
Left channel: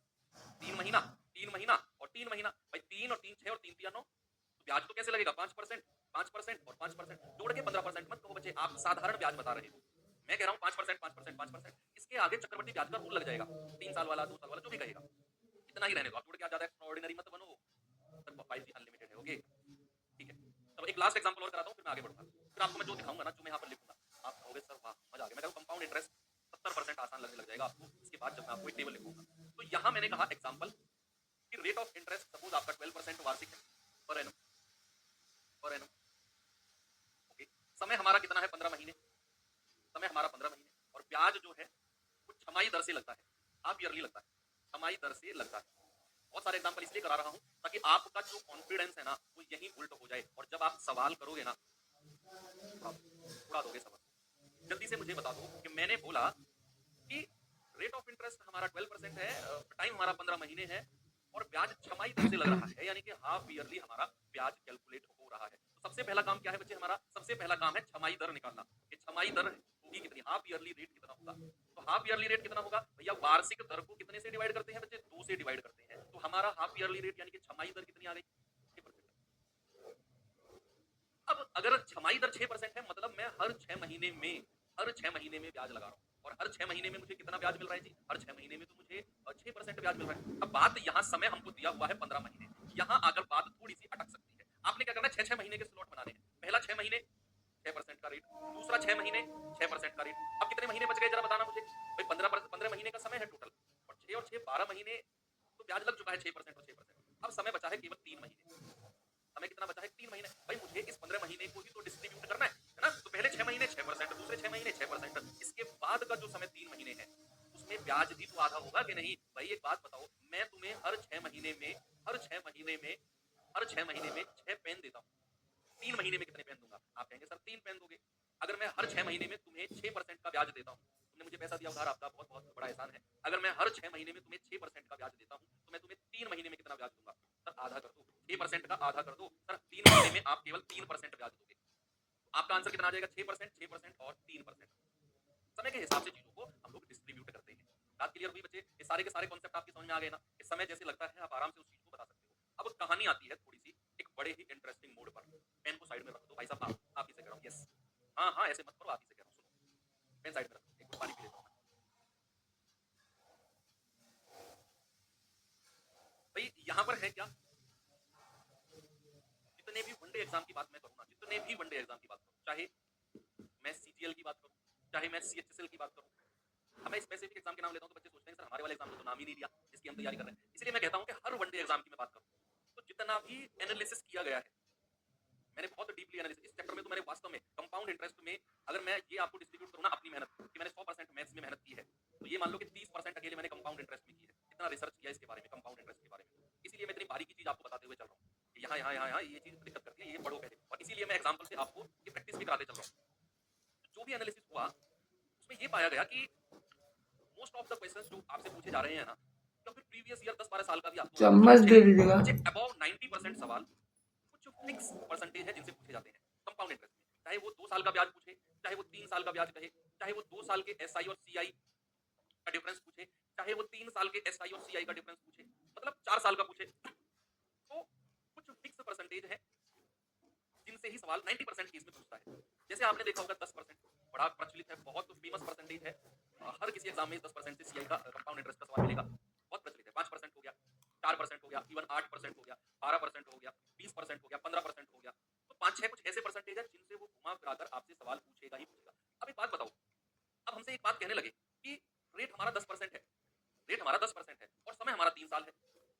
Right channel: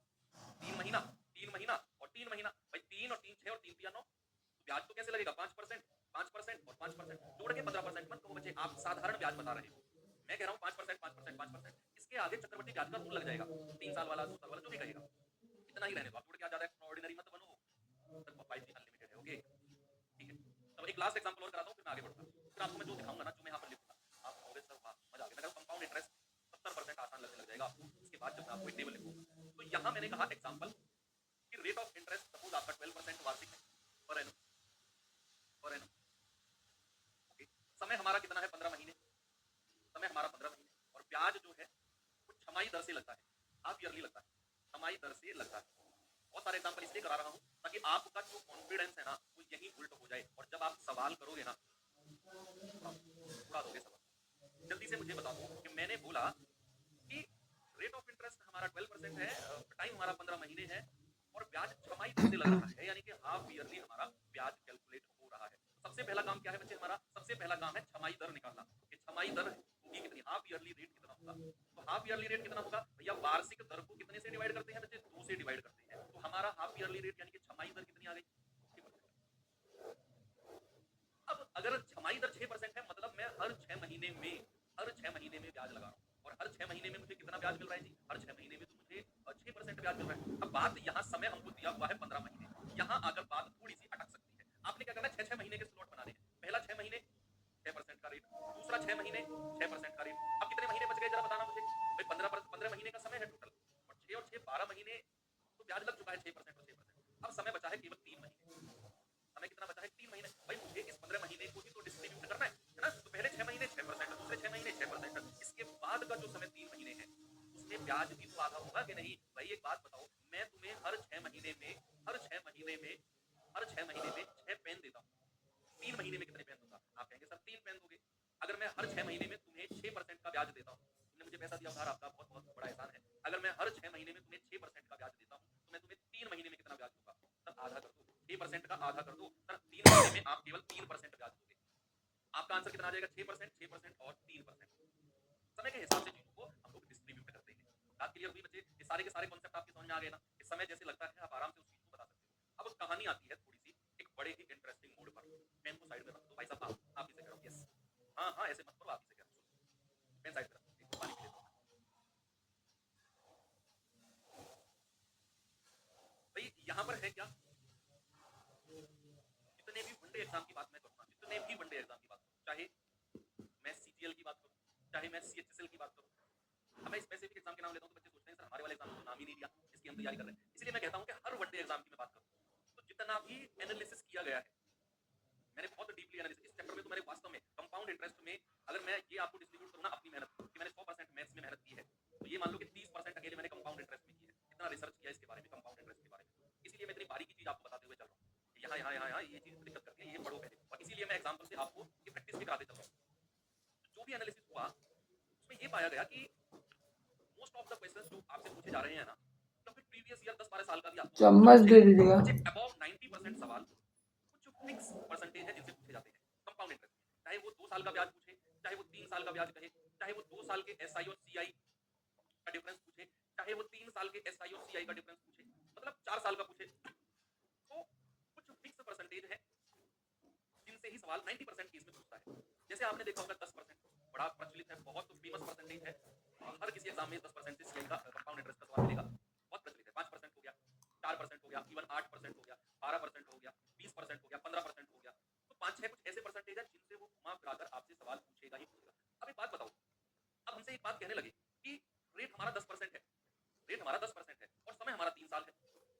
3 महीना, 3 महीना और 3 महीना। भाई 3 और 3 6 और 3 तिया 9, तो ब्याज तो कैसे लगेगा? 5%, 5% और 5%। जोड़ के 15%। मत कहो बच्चे आप साधारण ब्याज बता रहे हो, मैं कह रहा हूँ 5%, 5%, 5%। इसके आगे चक्रवृद्धि ब्याज का रूल लग जाएगा, 3 साल वाला, 2 साल वाला, जो भी कहेगा। इतना ही रहने दो, आप जोड़ के आ जाता है। ऑर्डिनरी मत बनो, 5G अनलिमिटेड है। ओके, ठीक है। तब एक लास्ट एग्जांपल और कराता हूँ, फिर मैं आगे बढ़ूंगा। फिर आपको मैं जो दिखाऊंगा ना, जो मैं यहाँ पर लिखूंगा, आप कहोगे सर वाह मजा आ गया। मैं कहूँ कंपाउंड इंटरेस्ट 70% आसान लगने लग जाएगा आपको इसके बाद जब मैं आपको एक टेबल लिखूंगा। तो यहाँ मैंने कहा एग्जांपल कि रेट ऑफ इंटरेस्ट सपोज आपका 12% वार्षिक है per annum, per annum. Okay, समय हमारा कितना है? 15 महीने। समय हमारा 15 महीने और ब्याज जो है वो छमाही दर से लगता है, हाफ ईयरली लगता है, छमाही दर से लगता है। बहुत सारे एग्जांपल इसलिए करा रहा हूँ ताकि आपका जो कॉन्फिडेंस है ना वो यही उल्ट हो जाए, और जब आप सवाल करोगे ना उड़ा दोगे सवाल। जल्दी से मुझे बता दो कि मैंने बोला कि रेट ऑफ इंटरेस्ट हमारा 12% है, टाइम हमारा 15 महीने है और ब्याज छमाही दर से लग रहा है, यानी कि हाफ ईयरली हमारा ब्याज कैलकुलेट हो रहा है। तो सबसे पहला काम क्या है बच्चे? हमारा सबसे पहला काम है छमाही दर निकालना कि छमाही दर होगी कितनी, हाफ ईयरली रेट कितना होगा। तो हाफ ईयरली रेट कितना होगा भैया? वार्षिक दर को कितने से डिवाइड करते हैं बच्चे? 2 से डिवाइड करते हैं। तो हमारा हाफ ईयरली रेट यानी कि छमाही दर कितनी आ गई? 6%। अब अगर छमाही दर 6% है, मतलब मैं हर 6 महीने में, हर 6 महीने में ब्याज लगा रहा हूँ, और हर 6 महीने में मुझे कितना ब्याज मिल रहा है जी? हर 6 महीने में तो मुझे 6% ब्याज मिल रहा है। अब बात यहाँ समय हमको दिया हुआ है 15 महीने, यहाँ आकर बात थोड़ी सी अटक सकती है। आपने क्या करना है? 6-6 महीने के स्लॉट बनाने हैं। पहला 6 महीने 6% का रेट, दूसरा 6 महीने 6% का रेट। अब कितने महीने बच गए जरा बताना मुझे भाई? 15 महीने का समय है टोटल, और 6 और 6 12 महीने तो ब्याज लग चुका है 6% और 6%। अब समय बचा है केवल 3 महीने। हमें कितना बचा है? 3 महीने। भाई मुझे इस 15 महीने को ही तो डिस्ट्रीब्यूट करना है ना? तो पहले 6 महीने 6%, दूसरे 6 महीने 6%, इसके बाद का जो समय 3 महीने है उसमें ब्याज भी तो आधा होगा कि नहीं? भाई एक बात बताओ, मैं तुम्हें हर 6 महीने में, हर 6 महीने में, हर 6 महीने में 6 पेन देता हूँ, 3 महीने में कितने पेन दूंगा? आप कहेंगे सर 3 पेन दोगे। अगर मैं हर 6 महीने में तुम्हें 6% का ब्याज देता हूँ, तुमने मुझे पैसा दिया उधार, आपका बहुत बहुत बड़ा एहसान है। अगर मैं हर 6 महीने में तुम्हें 6% का ब्याज देता हूँ, तो मैं तुम्हें 3 महीने में कितना ब्याज दूंगा? सर आधा कर दो, 6% का आधा कर दो। सर 3 महीने में आप केवल 3% ब्याज दोगे। आपका आंसर कितना आ जाएगा? 6%, 6% और 3%। समय के हिसाब से चीजों को हम लोग डिस्ट्रीब्यूट करते हैं। बात क्लियर हुई बच्चे? ये सारे के सारे कॉन्सेप्ट आपके समझ में आ गए ना? इस समय जैसे लगता है आप आराम से उस चीज को बता सकते हो। अब कहानी आती है थोड़ी सी एक बड़े ही इंटरेस्टिंग मोड पर। पेन को साइड में रख दो भाई साहब, आप ही से कह रहा हूँ। यस, हाँ हाँ, ऐसे मत करो, आप ही से कह रहा हूँ। सुनो, पेन साइड में रख, एक पानी पी लेता हूँ। भाई यहाँ पर है क्या, जितने भी वनडे एग्जाम की बात मैं करूँ ना, जितने भी वनडे एग्जाम की बात करूँ, चाहे मैं सीजीएल की बात करूँ, चाहे मैं सीएचएसएल की बात करूँ, अब मैं स्पेसिफिक एग्जाम के नाम लेता हूँ तो बच्चे सोचते हैं सर हमारे वाले एग्जाम में तो नाम ही नहीं दिया जिसकी हम तैयारी कर रहे हैं। इसलिए मैं कहता हूँ कि हर वनडे एग्जाम की मैं बात करूँ तो जितना भी एनालिसिस किया गया है, मैंने बहुत डीपली एनालिसिस इस चैप्टर में, तो मैंने वास्तव में कंपाउंड इंटरेस्ट में, अगर मैं ये आपको डिस्ट्रीब्यूट करूँ ना अपनी मेहनत कि मैंने 100% मैथ्स में मेहनत की है, तो ये मान लो कि 30% अकेले मैंने कंपाउंड इंटरेस्ट में की है। इतना रिसर्च किया इसके बारे में, कंपाउंड इंटरेस्ट के बारे में। इसीलिए मैं इतनी बारीकी चीज आपको बताते हुए चल रहा हूँ कि यहाँ यहाँ यहाँ यहाँ ये चीज दिक्कत करती है, ये पढ़ो पहले। और इसीलिए मैं एग्जाम्पल से आपको ये प्रैक्टिस भी कराते चल रहा हूँ। जो भी एनालिसिस हुआ उसमें ये पाया गया कि मोस्ट ऑफ द क्वेश्चंस जो आपसे पूछे जा रहे हैं ना, या फिर प्रीवियस ईयर 10-12 साल का भी आपको चम्मच मुझे दे मुझे दीजिएगा। अबाउट 90% सवाल कुछ फिक्स परसेंटेज है जिनसे पूछे जाते हैं कंपाउंड इंटरेस्ट में। चाहे वो 2 साल का ब्याज पूछे, चाहे वो 3 साल का ब्याज कहे, चाहे वो 2 साल के एसआई और सीआई का डिफरेंस पूछे, चाहे वो 3 साल के एसआई और सीआई का डिफरेंस पूछे, मतलब 4 साल का पूछे, तो कुछ फिक्स परसेंटेज है जिनसे ही सवाल 90% केस में पूछता है। जैसे आपने देखा होगा 10% बड़ा प्रचलित है, बहुत फेमस परसेंटेज है। हर किसी एग्जाम में 10% से सीआई का कंपाउंड इंटरेस्ट का सवाल मिलेगा, बहुत प्रचलित है। 5% हो गया, 4% हो गया, इवन 8% हो गया, 12% हो गया, 20% हो गया, 15% हो गया। तो 5-6 कुछ ऐसे परसेंटेज है जिनसे वो घुमा फिराकर आपसे सवाल पूछेगा ही पूछेगा। अब एक बात बताओ, अब हमसे एक बात कहने लगे कि रेट हमारा 10% है, रेट हमारा 10% है और समय हमारा 3 साल है,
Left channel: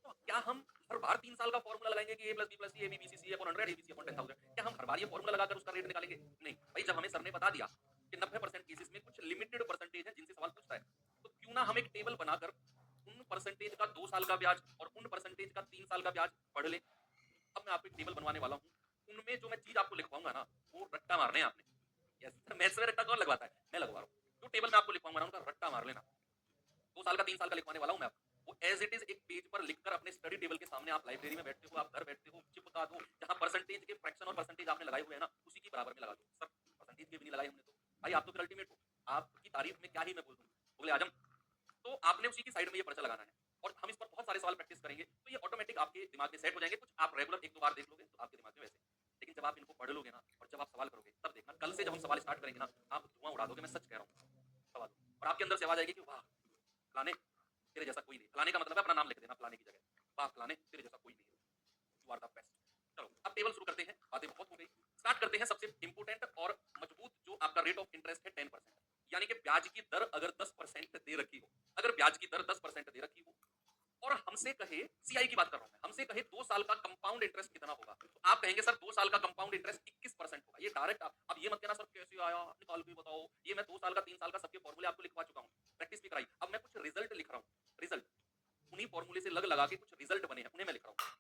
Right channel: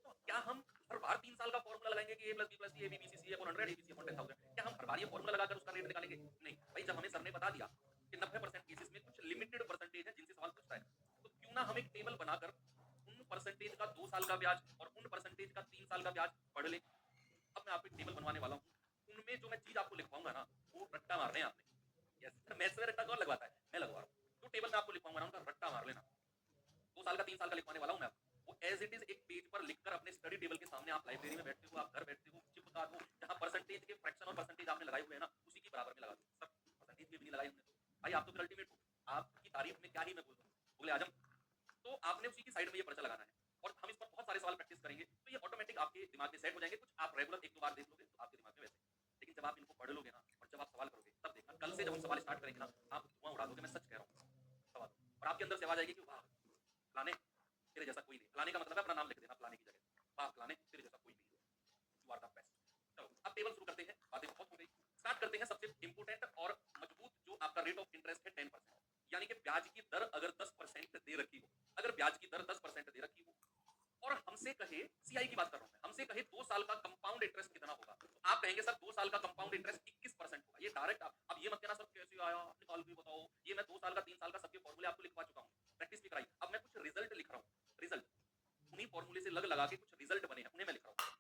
तो क्या हम हर बार 3 साल का फॉर्मूला लगाएंगे कि a plus B plus C A B B C C upon 100 ABC upon 10,000? क्या हम हर बार ये फॉर्मूला लगाकर उसका रेट निकालेंगे? नहीं भाई, जब हमें सर ने बता दिया कि 90% केसेस में कुछ लिमिटेड परसेंटेज है जिनसे सवाल पूछता है, तो क्यों ना हम एक टेबल बनाकर उन परसेंटेज का 2 साल का ब्याज और उन परसेंटेज का 3 साल का ब्याज पढ़ ले। अब मैं आपको एक टेबल बनवाने वाला हूँ, उनमें जो मैं चीज आपको लिखवाऊंगा ना, वो रट्टा मारने हैं आपने। यस, मैथ्स में रट्टा कौन लगवाता है? मैं लगवा रहा हूँ। जो टेबल मैं आपको लिखवाऊंगा ना, उनका रट्टा मार लेना। 2 साल का 3 साल का लिखवाने वाला हूँ मैं आपको। वो एज इट इज एक पेज पर लिखकर अपने स्टडी टेबल के सामने, आप लाइब्रेरी में बैठते हो, आप घर बैठते हो, चिपका दो। जहाँ परसेंटेज के फ्रैक्शन और परसेंटेज आपने लगाए हुए हैं ना, उसी की बराबर में लगा दो। सर परसेंटेज के भी नहीं लगाए हमने, तो भाई आप तो फिर अल्टीमेट हो, आपकी तारीफ में क्या ही मैं बोल दूँ, मुगले आजम। तो आपने उसी की साइड में ये पर्चा लगाना है और हम इस पर बहुत सारे सवाल प्रैक्टिस करेंगे, तो ये ऑटोमेटिक आपके दिमाग में सेट हो जाएंगे। कुछ आप रेगुलर 1-2 बार देख लोगे तो आपके दिमाग में वैसे, लेकिन जब आप इनको पढ़ लोगे ना और जब आप सवाल करोगे, तब देखना कल से जब हम सवाल स्टार्ट करेंगे ना, आप धुआं उड़ा दोगे, मैं सच कह रहा हूँ। सवाल और आपके अंदर से आवाज आएगी कि वाह फलाने, तेरे जैसा कोई नहीं। फलाने का मतलब है अपना नाम लिख देना फलाने की जगह, वाह फलाने तेरे जैसा कोई नहीं है, यू आर द बेस्ट। चलो अब टेबल शुरू करते हैं, बातें बहुत हो गई। स्टार्ट करते हैं सबसे इंपोर्टेंट और मजबूत, जो आपका रेट ऑफ इंटरेस्ट है 10%, यानी कि ब्याज की दर अगर 10% दे रखी हो, अगर ब्याज की दर 10% दे रखी हो और हमसे कहे, सीआई की बात कर रहा हूं मैं, हमसे कहे 2 साल का कंपाउंड इंटरेस्ट कितना होगा, तो आप कहेंगे सर 2 साल का कंपाउंड इंटरेस्ट 21% होगा। ये डायरेक्ट आप, अब ये मत कहना सर कैसे आया, निकाल के बताओ। ये मैं 2 साल का 3 साल का सबके फॉर्मूले आपको लिखवा चुका हूं, प्रैक्टिस भी कराई। अब मैं कुछ रिजल्ट लिख रहा हूं, रिजल्ट उन्हीं फॉर्मूले से लग लगा के कुछ रिजल्ट बने हैं, उन्हें मैं लिख रहा हूं।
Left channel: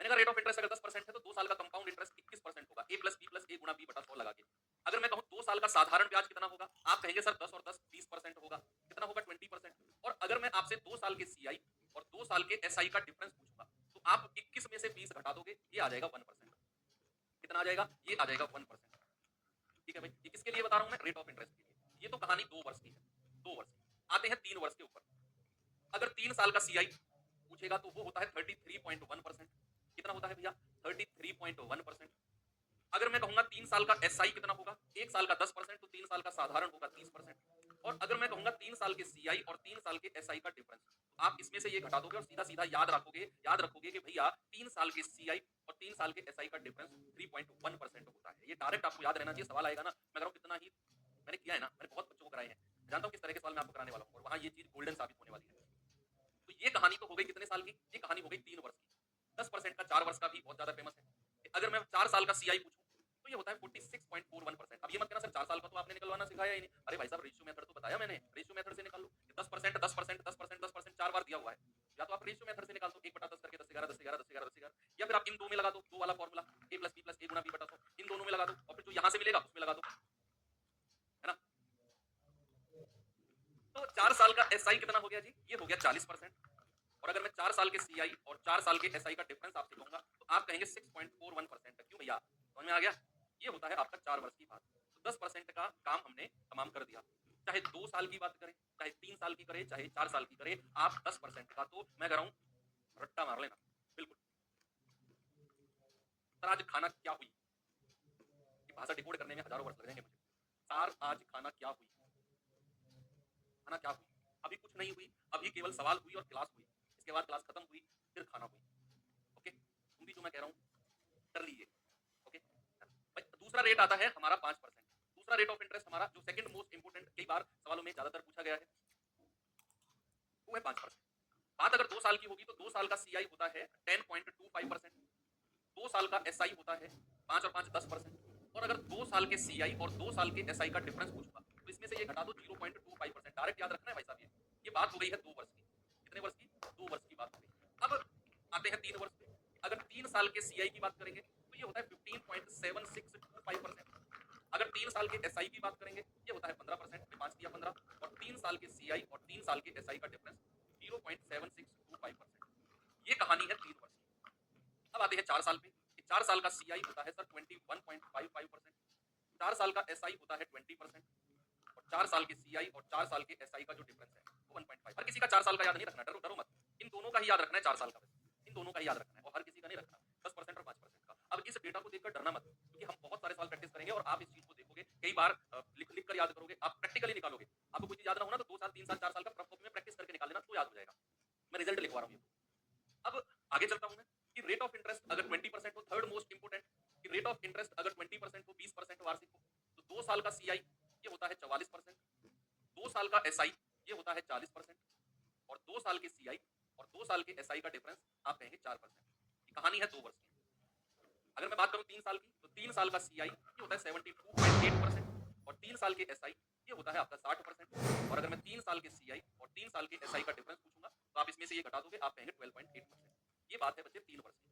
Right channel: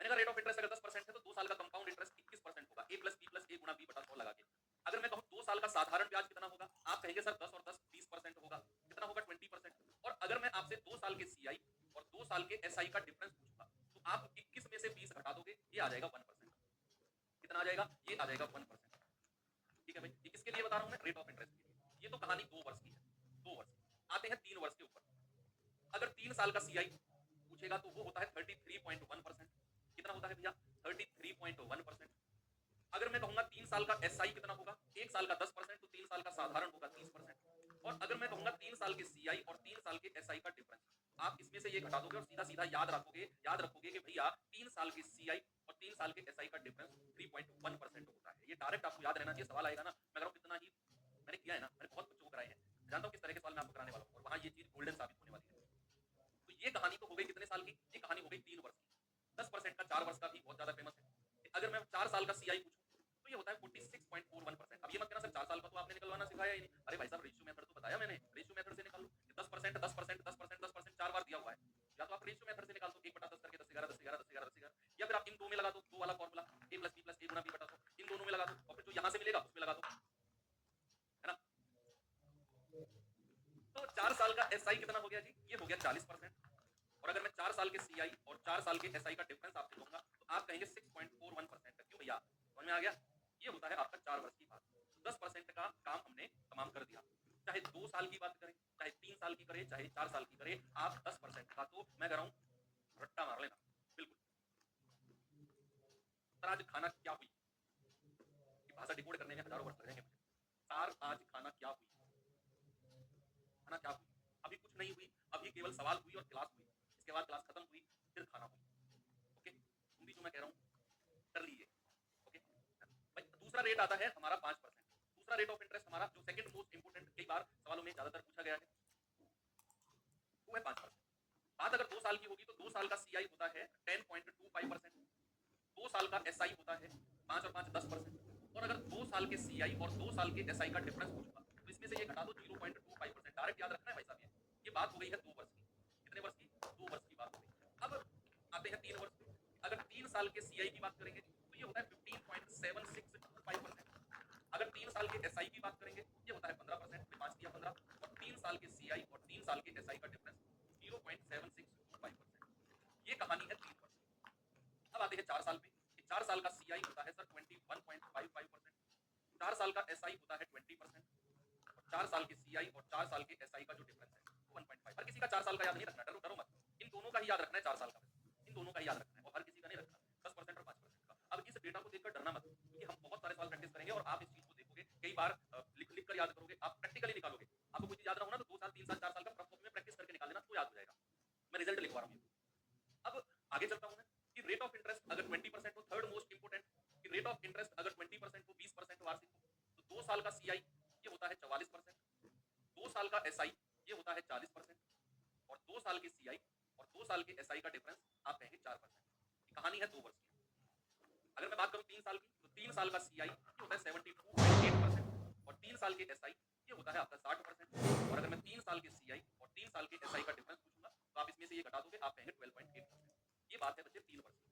मैंने कहा रेट ऑफ इंटरेस्ट अगर 10% है तो 2 साल का कंपाउंड इंटरेस्ट 21% होगा, a plus B plus A गुणा बी बटा 100 लगा के। अगर मैं कहूं 2 साल का साधारण ब्याज कितना होगा, आप कहेंगे सर 10 और 10 20% होगा, कितना होगा 20%। और अगर मैं आपसे 2 साल के सीआई और 2 साल के एसआई का डिफरेंस पूछूंगा, तो आप 21 में से 20 घटा दोगे, ये आ जाएगा 1%। कितना आ जाएगा? ये आ जाएगा 1%। ठीक है भाई, ये किसके लिए बता रहा हूं मैं? रेट ऑफ इंटरेस्ट के लिए। ये तो कहानी 2 वर्ष की है, 2 वर्ष की। आते हैं 3 वर्ष के ऊपर। अगर 3 साल का सीआई पूछेगा तो वो होता है 33.1%। कितना होता है भैया? 33.1%। अगर मैं कहूंगा 3 साल का एसआई कितना होगा, 1 साल का 10%, तो 3 साल का साधारण होगा 30%। और अगर मैं कहूंगा 3 साल के सीआई और 3 साल के एसआई का डिफरेंस, तो आप इसमें से ये घटा दोगे और सीधा सीधा याद रखोगे कि भैया 3 साल के सीआई और 3 साल के एसआई का डिफरेंस 3.1% होता है। ये डायरेक्ट आपको याद रहना चाहिए। सवाल आएगा ना, मैं कह रहा हूं कितना ही मैंने किया है ना, मैंने बहुत बच्चों को कराए हैं, जानता हूं किस तरह के सवाल मैं आपको कराने वाला हूं, और वहां ये चीज गोल्डन साबित होने वाली है। तो ये कहानी तो हो गई कितने साल की? ये कहानी हो गई 3 वर्ष की। 10% का 4 वर्ष का भी बहुत ज्यादा फेमस है। अगर मैं 4 साल का सीआई पूछूं तो ये होता है 46.41%। अब ये मत कहना सर 4 साल का तो आपने निकलवाना सिखाया ही नहीं। अरे भाई साहब रेशियो मेथड तो बताया मैंने, रेशियो मेथड से निकाल लो। 10% 10% 10% 10% 4 बार दिया हुआ है, या तो आप रेशियो मेथड से निकाल दो, 1/10 करके 10 11 10 11 10 11 10 11, या फिर आप इन दो में लगा दो, दो वाला formula a plus B plus A गुणा बी बटा 100। SI कितना हो गया जी? ये हो गया 40%। और अगर मैं 4 साल के CI और 4 साल के SI का डिफरेंस आपसे कहूंगा तो आप कहेंगे 6.41%। क्यों भैया? समझ में आ गया? ये होता है आपका 4 वर्ष की बात। तो 10% का काम हमने तमाम कर दिया। चाहे 2 साल की बात करें, चाहे 3 साल की करें, चाहे 4 साल की करें, आप 10% का तो मैं कह रहा हूं रट्टा मार लेना। बिल्कुल। सर आज खाना क्या हुई? ये भाषा डिकोड करने में हजारों वर्ष लग जाएंगे मुझे। सर आज खाना क्या हुई? खाना क्या हुई? अभी कुछ नहीं हुई, अभी केवल सवाल हुई और क्लास हुई। इसके बाद क्लास खत्म हुई, फिर खाना हुई। ओके, तुम भी जो मैं कह रहा हूँ कर लीजिए। ओके भाई, दूसरा रेट आता है हमारा 5%। दूसरा रेट ऑफ इंटरेस्ट हमारा जो सेकंड मोस्ट इंपोर्टेंट कई बार सवालों में ज्यादातर पूछा गया है वो है 5%। बात अगर 2 साल की होगी तो 2 साल का CI होता है 10.25%। 2 साल का SI होता है 5 और 5 10%। और अगर 2 साल के CI और 2 साल के SI का डिफरेंस पूछूंगा तो इसमें से ये घटा दो 0.25%। डायरेक्ट याद रखना है भाई साहब। ये बात हो गई है 2 वर्ष की। कितने वर्ष की? 2 वर्ष की बात हो गई। अब आते हैं 3 वर्ष पे। अगर 3 साल के CI की बात करेंगे तो ये होता है 15.7625%। अगर 3 साल के SI की बात करेंगे ये होता है 15%। 5 दिया 15। और 3 साल के CI और 3 साल के SI का डिफरेंस 0.7625%। ये कहानी है 3 वर्ष की। अब आते हैं 4 साल पे। 4 साल का CI होता है सर 21.55%। 4 साल का SI होता है 20%। और 4 साल के CI और 4 साल के SI का जो डिफरेंस है वो 1.5। हर किसी का 4 साल का याद नहीं रखना, डरो डरो मत। इन दोनों का ही याद रखना है 4 साल का। इन दोनों का ही याद रखना है और हर किसी का नहीं रखना। 10% और 5% का। अब इस डेटा को देखकर डरना मत, क्योंकि हम बहुत सारे सवाल प्रैक्टिस करेंगे और आप इस चीज को देखोगे कई बार लिख लिख कर याद करोगे, आप प्रैक्टिकली निकालोगे। आपको कोई चीज याद ना हो ना तो 2 साल 3 साल 4 साल का रफ कॉपी में प्रैक्टिस करके निकाल लेना तो याद हो जाएगा। मैं रिजल्ट लिखवा रहा हूँ। अब आगे चलता हूं मैं कि रेट ऑफ इंटरेस्ट अगर 20% हो, थर्ड मोस्ट इंपोर्टेंट कि रेट ऑफ इंटरेस्ट अगर 20% हो, 20% वार्षिक हो, तो 2 साल का CI ये होता है 44%। 2 साल का SI ये होता है 40%। और 2 साल के CI और 2 साल के SI का डिफरेंस आप कहेंगे 4%। ये कहानी है 2 वर्ष की। अगर मैं बात करूं 3 साल की तो 3 साल का CI ये होता है 72.8%। और 3 साल के SI ये होता है आपका 60%। और अगर मैं 3 साल के CI और 3 साल के SI का डिफरेंस पूछूंगा तो आप इसमें से ये घटा दोगे, आप कहेंगे 12.8%। ये बात है बच्चे 3 वर्ष की।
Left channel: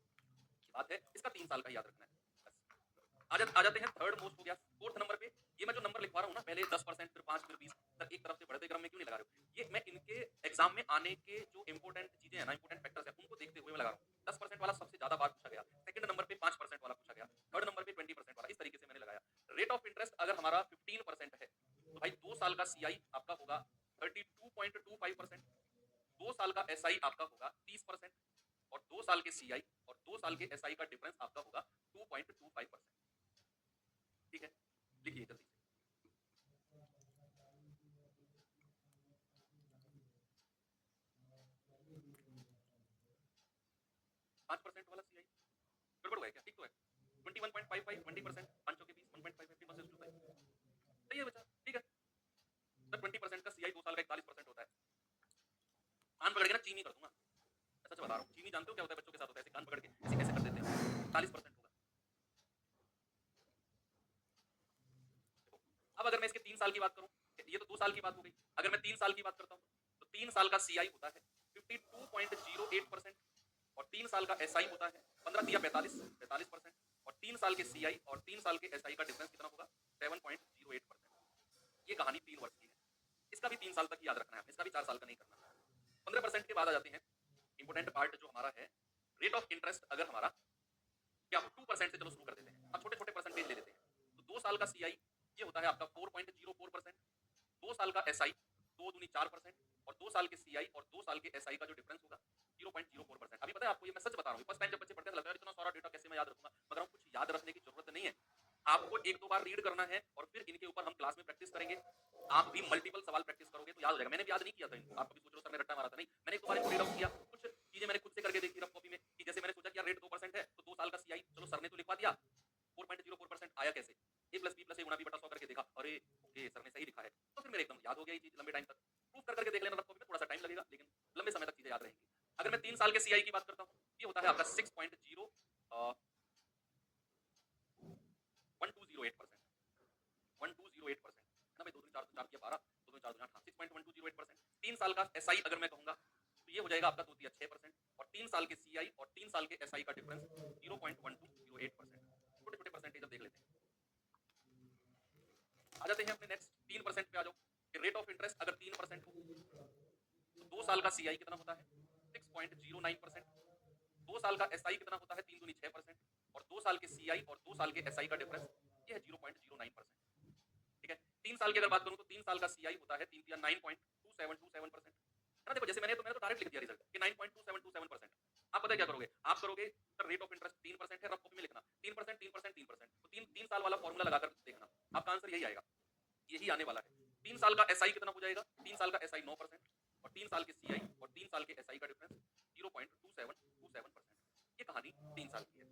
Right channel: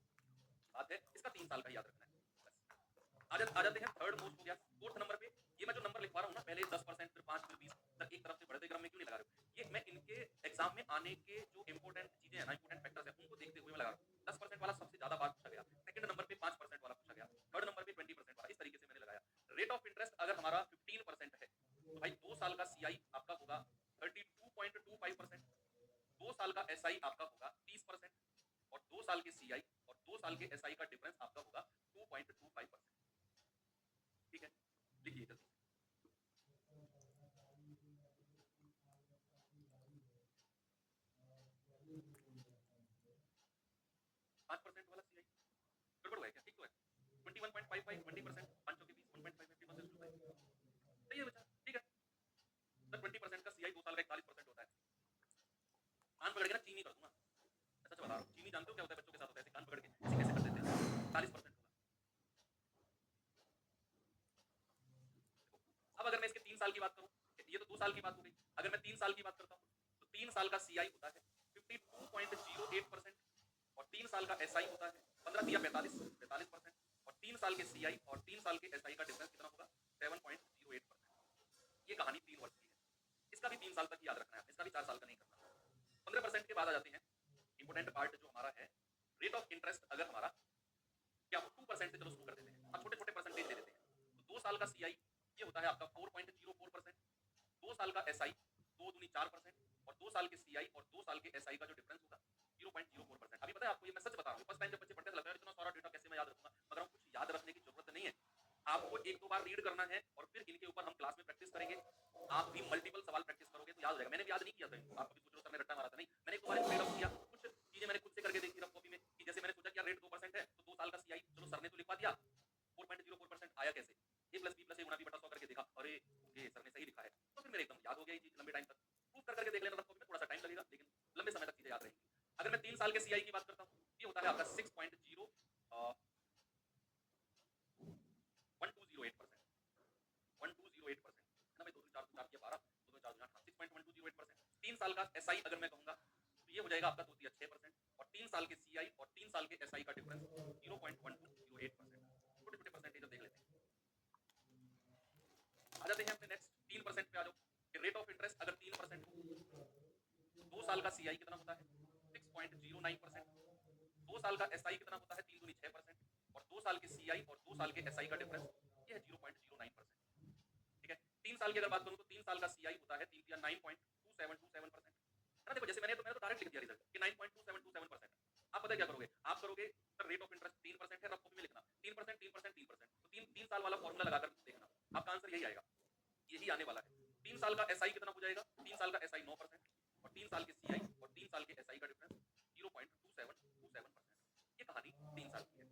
ये बात है, इसका 3 साल का याद रखना है। आ जाते हैं थर्ड मोस्ट हो गया फोर्थ नंबर पे। ये मैं जो नंबर लिखवा रहा हूँ ना, पहले 10% फिर 5 फिर 20 तक एक तरफ से बढ़ते क्रम में क्यों नहीं लगा रहे हो? ये मैं इनके एग्जाम में आने के जो इंपोर्टेंट चीजें हैं ना, इंपोर्टेंट फैक्टर्स हैं, उनको देखते हुए मैं लगा रहा हूँ। 10% वाला सबसे ज्यादा बार पूछा गया, सेकंड नंबर पे 5% वाला पूछा गया, थर्ड नंबर पे 20% वाला, इस तरीके से मैंने लगाया। रेट ऑफ इंटरेस्ट अगर हमारा 15% है तो भाई 2 साल का CI आपका होगा 32.25%। 2 साल का SI आपका होगा 30%। और 2 साल के CI और 2 साल के SI का डिफरेंस आपका होगा 2.25%। ठीक है, लिखिए जल्दी। 5% वाला CI गड़बड़ हुआ है क्या? ठीक तो है। 21.55 20%, 500 के 20 1.5 15 वर्सेस 25। सही है बच्चा, ठीक है। सर 20% का CI 2 साल का 41% होता है। कान पकड़ के ना चीनी कर दूंगा। सच बता रहा हूँ, चीनी जानते हो क्या होता है? बच्चों के साथ होता है, ऐसे कान पकड़ के ऐसे कैसे कर देते हैं। 40% होगा। अब अगर मैं इसके 3 साल की बात करूं, ये तो 2 साल की बात हो गई। अगर मैं 3 साल की बात करता हूं तो 3 साल का CI होता है 52.08%। और 3 साल का SI होता है 15 दिया 45%। और 3 साल के CI और 3 साल के SI का डिफरेंस कितना होगा? 7.08%। ये कहानी 3 वर्ष की है। इसका भी 3 साल तक याद रखना है, इसका भी 4 साल का नहीं करना। 15% के बाद आ जाते हैं इंपोर्टेंट पार्ट जो हमारा है रेट ऑफ इंटरेस्ट। अगर हमारा क्या 2% से चलो शुरू कर देते हैं, अब छोटे छोटे परसेंटेज ले लेते हैं। तो 2 साल का CI ये होता है आपका 4.04%। 2 साल का SI 2 दूनी 4%। और 2 साल के CI और 2 साल के SI का जो डिफरेंस होगा 0.04%। अभी पता है आपको, ये मैं सच बता रहा हूँ, फर्स्ट टाइम जब बच्चे पढ़ते हैं लगता है इतना सारा डेटा कैसे मैं याद रखूंगा, मगर कुछ याद रखने की जरूरत नहीं है। आपको एक दो बार रीड करना है और फिर इनके ऊपर हम क्लास में प्रैक्टिस करेंगे। आप भी मल्टीपल सवाल प्रैक्टिस करोगे तो याद हो जाएगा। मैंने भी याद नहीं किया था इनको, आप कभी सोच रहे हो सर मैं रट्टा मारा था, नहीं, मैंने एक दो बार इनको रीड आउट किया, कुछ चीजें मैंने खुद से करके देखी रफ कॉपी में कि जैसे मैंने सोचा कि यार रेट 2% है तो 2 साल का CI चलो सर ने तो लिखवा दिया, 4.04% आया कैसे, a plus B plus A गुणा बी बटा 100 करके देखा, अरे ओके सर ने सही लिखा है, तो फिर मेरे एकदम याद हो गया ये चीज लंबे टाइम तक। प्रूफ कर करके देख लेना रफ कॉपी में, थोड़ा सा टाइम लगेगा लेकिन लंबे समय तक चीजें याद रहेंगी। अगर मैं 3 साल के CI की बात करता हूँ ये होता है आपका 6.1208%। 1208% ना भाई, 2 3 4 4 किया 12, 2 2 4 2 8, 6.1208%। 3 साल का SI अगर मैं कहूंगा तो ये हो जाएगा आपका 2 3 6%। और 3 साल के CI और 3 साल के SI का डिफरेंस 0.1208%। छोटे छोटे परसेंटेज अब देख लेते हैं। आ जाते हैं अपने नेक्स्ट 3% पे आ जाओ कि रेट ऑफ इंटरेस्ट अगर 3% हो CI कितना होता है 6.09%, 2 साल का SI कितना होता है 3 दूनी 6%, और 2 साल के CI और 2 साल के SI का डिफरेंस ये है 0.09%। ठीक है, 3 साल की अगर बात करूं तो 3 साल का CI होता है 3 या 9.2727%। है ना, देखो जैसे मैंने तो डायरेक्ट लिख दिया रिजल्ट कि 9.2727%। आप पता है क्या करोगे, आप करोगे सर रेट ऑफ इंटरेस्ट 3% है, रफ कॉपी में लिखना 3% 3% 3%, तो 3 साल वाला फॉर्मूला लगाकर देखना, आपका आंसर यही आएगा, यही आने वाला है। 3 साल का SI कितना हो जाएगा, 3 साल का SI 9%, और 3 साल के CI और 3 साल के SI का डिफरेंस 0.2727%। ये कहानी 3 साल की है,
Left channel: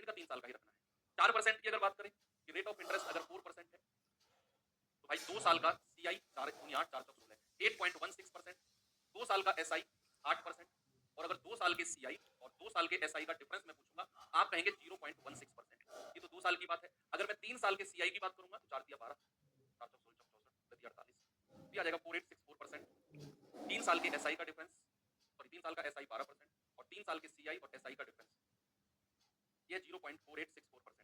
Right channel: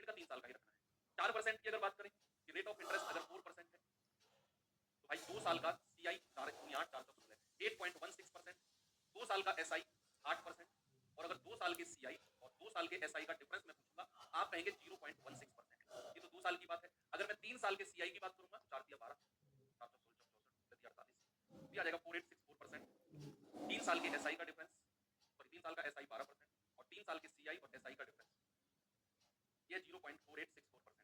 इनका 3 साल का ही रखना है। 4% की अगर बात करें कि रेट ऑफ इंटरेस्ट अगर 4% है, तो भाई 2 साल का CI 4 दूनी 8 4 16 8.16%, 2 साल का SI 8%, और अगर 2 साल के CI और 2 साल के SI का डिफरेंस मैं पूछूंगा, आप कहेंगे 0.16%। ये तो 2 साल की बात है। अगर मैं 3 साल के CI की बात करूंगा तो 4 दिया 12, 4 16 64 48, ये आ जाएगा 4864%। 3 साल के SI का डिफरेंस, सॉरी 3 साल का SI 12%, और 3 साल के CI और SI का डिफरेंस ये 0.4864%।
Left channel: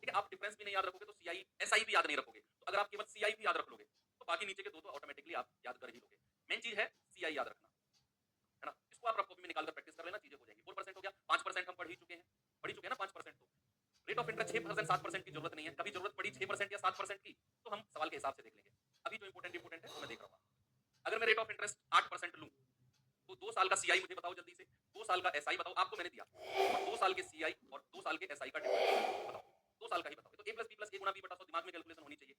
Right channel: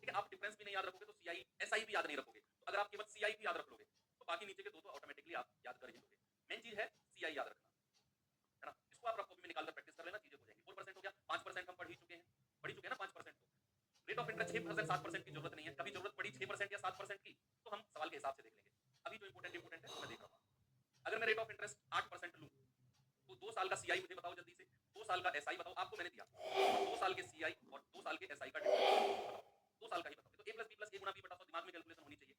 ठीक है, आप डिफरेंस भी नहीं याद रखोगे तो CI SI भी याद नहीं रखोगे, तो अगर आप केवल CI भी याद रख लोगे तो बाकी नीचे के दो तो ऑटोमेटिकली आप याद कर ही लोगे। मेन चीज है CI याद रखना, है ना, इसको आप रफ कॉपी में निकालकर प्रैक्टिस कर लेना, चीजें हो जाएंगी। 4% हो गया, 5% हम पढ़ ही चुके हैं, पढ़ ही चुके हैं ना 5%। तो रेट ऑफ इंटरेस्ट 6% 7% की जरूरत नहीं है, कभी जरूरत पड़ी 6% या 7% की तो हम सवाल के हिसाब से देख लेंगे। अभी जो इंपोर्टेंट है वो मैं देख रहा हूँ। अगर मैं रेट ऑफ इंटरेस्ट 8% लूं तो 2 साल का CI मुझे बताओ जल्दी से, 2 साल का SI बताओ, आपको मैंने दिया, और 2 साल के CI और 2 साल के SI का डिफरेंस बताओ, 2 साल का ही बताओ, तो a + b + a × b / 100 दिमाग में कैलकुलेशन होनी चाहिए।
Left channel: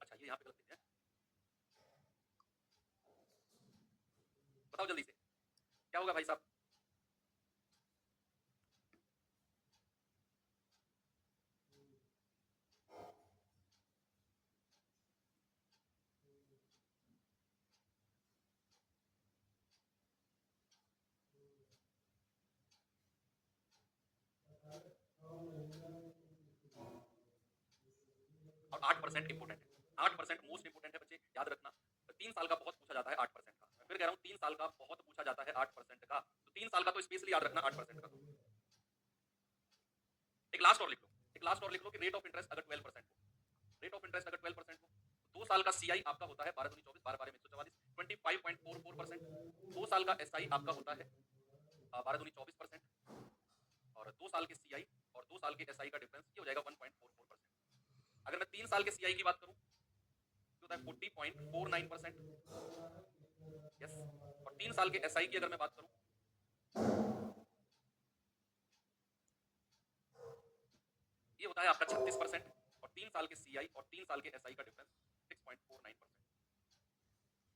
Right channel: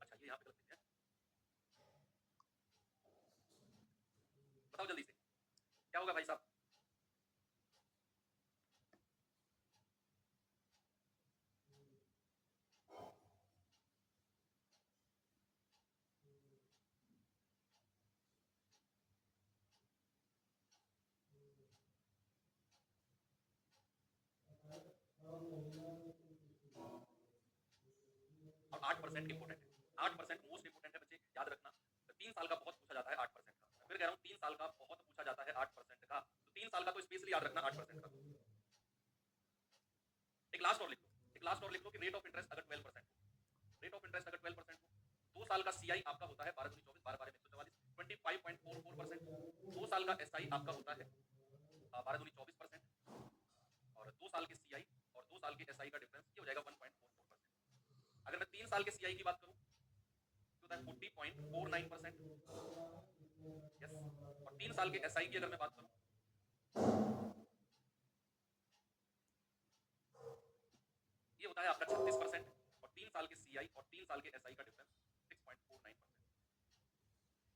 अच्छा ये यहाँ पे गलत लिख दिया, बताओ जल्दी से क्या होगा भाई साहब। और 8% इंपोर्टेंट है, 8% मोस्ट इंपोर्टेंट है बच्चे, याद रखना। 3 साल का बहुत पूछा जाता है 8% का, मैं फिर कह रहा हूँ 3 साल का बहुत पूछा जाता है 8% का, तो 3 साल का तो स्पेशली याद रखना 8% का। एक लास्ट और लिख लो, एक लास्ट और लिख लो कि रेट ऑफ इंटरेस्ट अगर 12% हो, रेट ऑफ इंटरेस्ट अगर 12% हो तो 2 साल का CI आपका होता है 12 दूनी 24 12 12 144 25.44%, 2 साल का SI आपका होता है 12 दूनी 24%, और 2 साल के CI और 2 साल के SI का डिफरेंस ये हो जाएगा 1.44%। अगर मैं 3 साल के CI की बात करूं तो होता है 40.49%, यस, और 3 साल के SI की अगर मैं बात करूं ये होता है आपका 36%, और 3 साल के CI और 3 साल के SI का डिफरेंस 6.49%।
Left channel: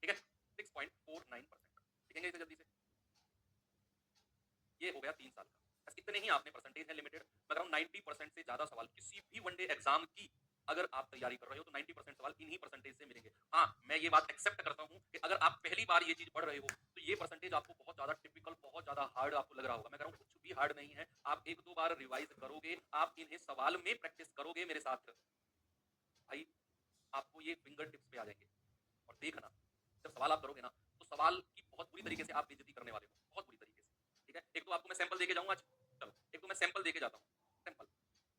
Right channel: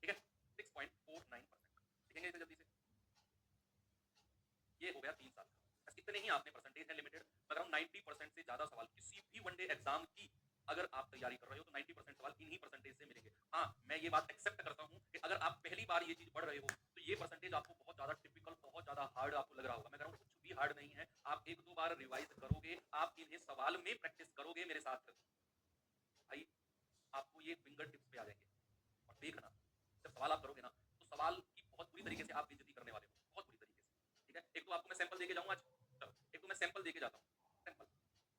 ठीक है, 6.49%। लिखेंगे इसे जल्दी से, ये हो गया 3 साल का। बस इतने ही आपने, परसेंटेज है लिमिटेड, मगर 90% से ज्यादा सवाल किसी भी वनडे एग्जाम की अगर आप तैयारी कर रहे हो तो 90% सवाल इन्हीं परसेंटेज से मिलेंगे। हाँ, मैं ये बात एक्सेप्ट करता हूँ कि अगर आप पहली बार ये चीज पढ़ रहे हो तो ये परसेंटेज आपको बहुत ज्यादा टिपिकल, बहुत ज्यादा हार्ड आपको लग रहा होगा। मैं कह रहा हूँ कुछ भी हार्ड नहीं है, आप 1-2 बार रिवाइज करोगे, आप इन्हें सवाल में प्रैक्टिस करोगे मेरे साथ, भाई आपको ये फिंगर टिप्स पे आ जाएंगे। और देखना जब सवाल आप करोगे ना तो सवाल की बहुत बुरी तरीके से आप बेइज्जती करने वाले हो, बहुत बुरी तरीके से। ठीक है, एक तो आपको मैं सैंपल देके जाऊंगा आज, चलो एक तो मैं सैंपल देके जाता हूँ, सैंपल।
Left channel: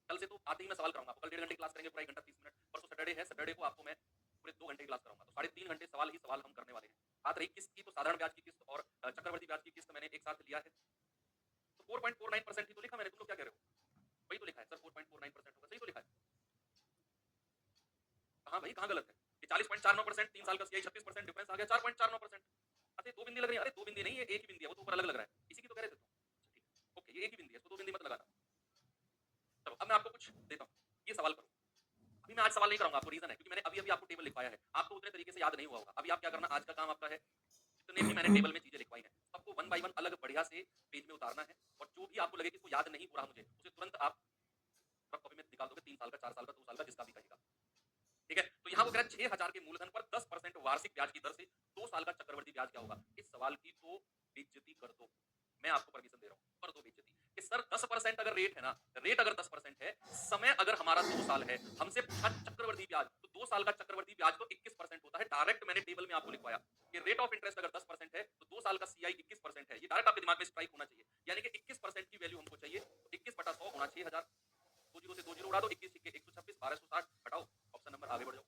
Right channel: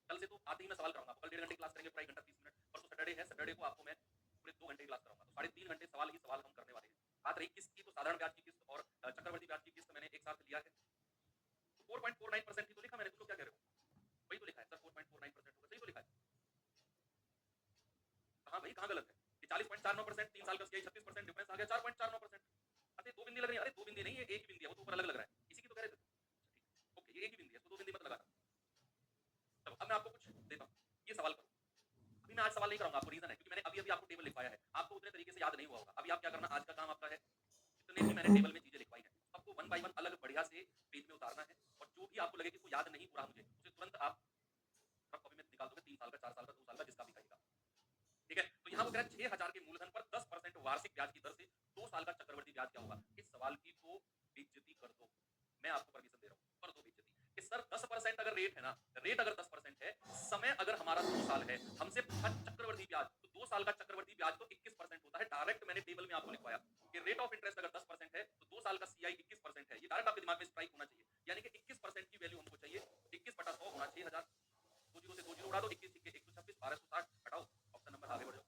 कल से तो आते ही मैं सवाल कराऊंगा आपको, कल 1.5 घंटे क्लास करेंगे, पूरा 1 घंटा 30 मिनट। परसों सैटरडे है, सैटरडे को आपको मैं पूरे 2 घंटे क्लास कराऊंगा, तो 3.5 घंटे सवाल ही सवाल हम करने वाले हैं। बात रही किस्त की, तो साधारण ब्याज की किस्त और चक्रवर्ती ब्याज की किस्त मैंने एक साथ लिया है, तो 4.49% ही तो लिखा मैंने। तुम लोग क्या कह रहे हो, वही तो लिखा है सर, 4.49% होगा, सही तो लिखा है। कहाँ भाई, कहाँ गलत है? ये 40.49%, 3 साल का CI 36%, डिफरेंस आ गया 4.49%। अरे 2 बिंदी लग रही है, अरे 2 बिंदी नहीं है, एक ही बिंदी है, वो तो ऊपर अलग लग रहा है, इसी की तो कह रहे थे तुम। अच्छा, ठीक, ओके, ये एक ही बिंदी है, इसको 2 बिंदी मत लगा। चलो अब मैं आपको कुछ देता हूँ, ये सवाल करो। अभी मैं आज सवाल नहीं कराऊंगा आपको, रीजन है क्योंकि मैंने अभी अभी आपको टेबल लिखवाया है, आपको उतने तरीके से याद नहीं हुआ होगा। अभी आप क्या करना, आज का काम आपका है, जितने भी मैंने टेबल में चीजें लिखवाई हैं सबको 1 बाय 1 अलग बढ़िया से पेज में उतारना है, और जो भी आपको लगे कि इसको याद नहीं हो रहा मुझे, उसे तुरंत आप रफ कॉपी में निकाल दोगे, 3 साल का, 4 साल का, 2 साल का, जिसका भी कहेगा। ठीक है, तो यहाँ वो कह रहा है 6,000 के मूलधन पर 10% वार्षिक ब्याज की दर से 2 साल का चक्रवर्ती ब्याज क्या होगा। इस सवाल की तो बेइज्जती कर दो, मैं आपको परमिशन दे रहा हूँ, कर दो बेइज्जती कि सर 10% अगर रेट है ना, रेट अगर 10% है, समय अगर हमारा 2 साल है, हमसे पूछा चक्रवर्ती ब्याज, तो 2 साल का चक्रवर्ती ब्याज तो 21% होता है। डायरेक्ट मैंने टेबल में आपको लिखवाया कि रेट ऑफ इंटरेस्ट अगर 10% है, दो जीरो से दो जीरो उड़ा दो, 21 छिक्के 126, 1260 हटाओ, ऑप्शन नंबर आगे बढ़ जाओ।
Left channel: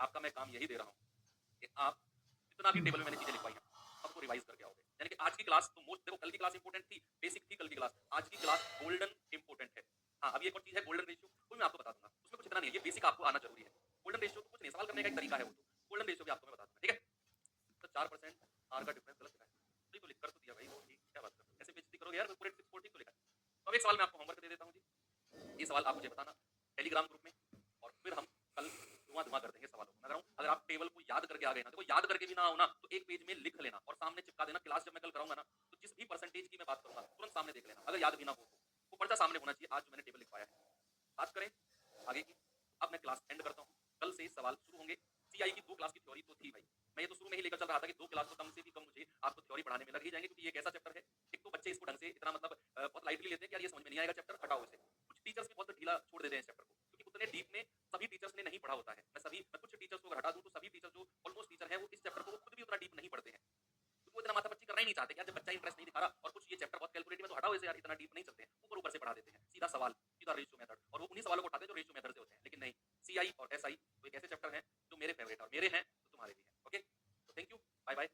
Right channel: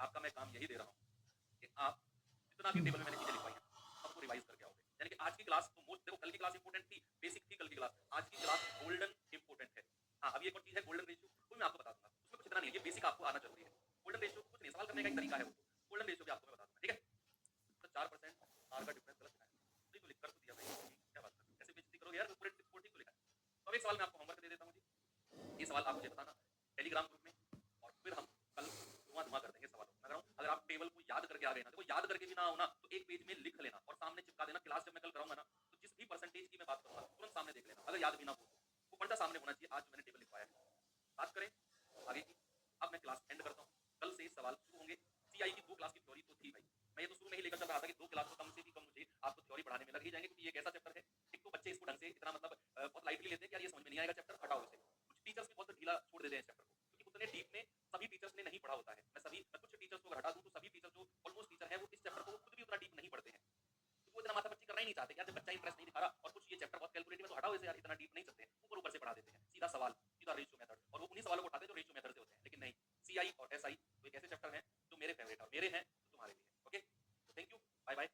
आपका मैं काम यही दे रहा हूँ कि आप जितना भी टेबल में मैंने चीजें लिखवाई हैं सबको रिवाइज करके आओगे। यानी कि आज की क्लास तो मोस्ट, देखो कल की क्लास इंपॉर्टेंट थी, बेसिक थी कल की क्लास, आज की क्लास गोल्डन इंपॉर्टेंट है। हाँ अभी एक और चीज है गोल्डन रेशियो, वो मैं आपको बता दूंगा, उसमें कुछ इतना नहीं है, ये बेसिक आपको आना जरूरी है। गोल्डन रेशियो कुछ नहीं, सवाल करने का एक तरीका है, वो तो गोल्डन रेशियो भी आपको मैं बता दूंगा, ठीक है। तो 4% आर का डिफरेंस गलत है, नहीं तो लिख कर तो दिया भाई, क्या बात कर ऐसे बेइज्जती करोगे यार, पूरे ठीक तो लिखा है। तो अब एक सवाल मैं आपको होमवर्क दे देता हूँ जी, ये सवाल आप मुझे बताना टेलीग्राम ग्रुप में, और फिर हम कल धुआं धुआं कर देंगे सवालों को। मैं कह रहा हूँ अगर आप टेबल को याद करके आ गए ना, देखो याद करके भी ना आओ ना तो एक पेज में लिख लेना और सामने चिपका देना। क्लास जब मैं कल कराऊंगा ना तो जिस भी परसेंटेज की मैं बात करूंगा तुरंत सामने देख लेना, अगर याद भी ना हो तो वो पर्चा सामने होना चाहिए। आज जो मैंने टेबल लिखवाया है, बात करें आगे की। अब मैं क्लास एंड करता हूँ, कल से सवाल शुरू होंगे। सीआई की 2 क्लास की थ्योरी तो थी भाई, मैं ये तो शुरू में ही लेकर चल रहा था कि 2 क्लास तो कम से भी कम मुझे आपको थ्योरी पढ़ाने में लग ही जाएंगे, क्योंकि ये एक ऐसा चैप्टर है, एक तो बच्चे इसको ढंग से इतना मतलब बहुत लाइटली लेते हैं कि यार ये समझ में नहीं आएगा चैप्टर, हटाओ इसे। कुछ टीचर्स भी बहुत ढीला छोड़ देते हैं इस चैप्टर को, क्योंकि उतने डीप में सभी टीचर्स ने नहीं पढ़ा होता है। मैं कुछ टीचर्स को हटा दूं तो सभी टीचर जो ऑलमोस्ट टीचर है वो इस चैप्टर को खुद भी उतना डीप नहीं पढ़ते हैं, क्योंकि वो इतना माथापच्ची करना ही नहीं चाहते। यार जब बच्चा इंटरेस्ट नहीं दिखा रहा और कुछ ये चैप्टर बहुत कैलकुलेटिव है तो हटाओ इसे यार, इतना डीप नहीं चलते हैं, ऊपर ऊपर से पढ़ा देते हैं, सीधा सवाल, सीधा रेशियो मेथड, और वो उन्हीं सवालों को उठाते हैं जो रेशियो मेथड से होते हैं। लेकिन नहीं, सीआई और एसआई वो एक ऐसे चैप्टर हैं जो मेरे फेवरेट और मेरे हैं तो तुम्हारे भी हैं। ओके, तो थैंक यू, बाय बाय।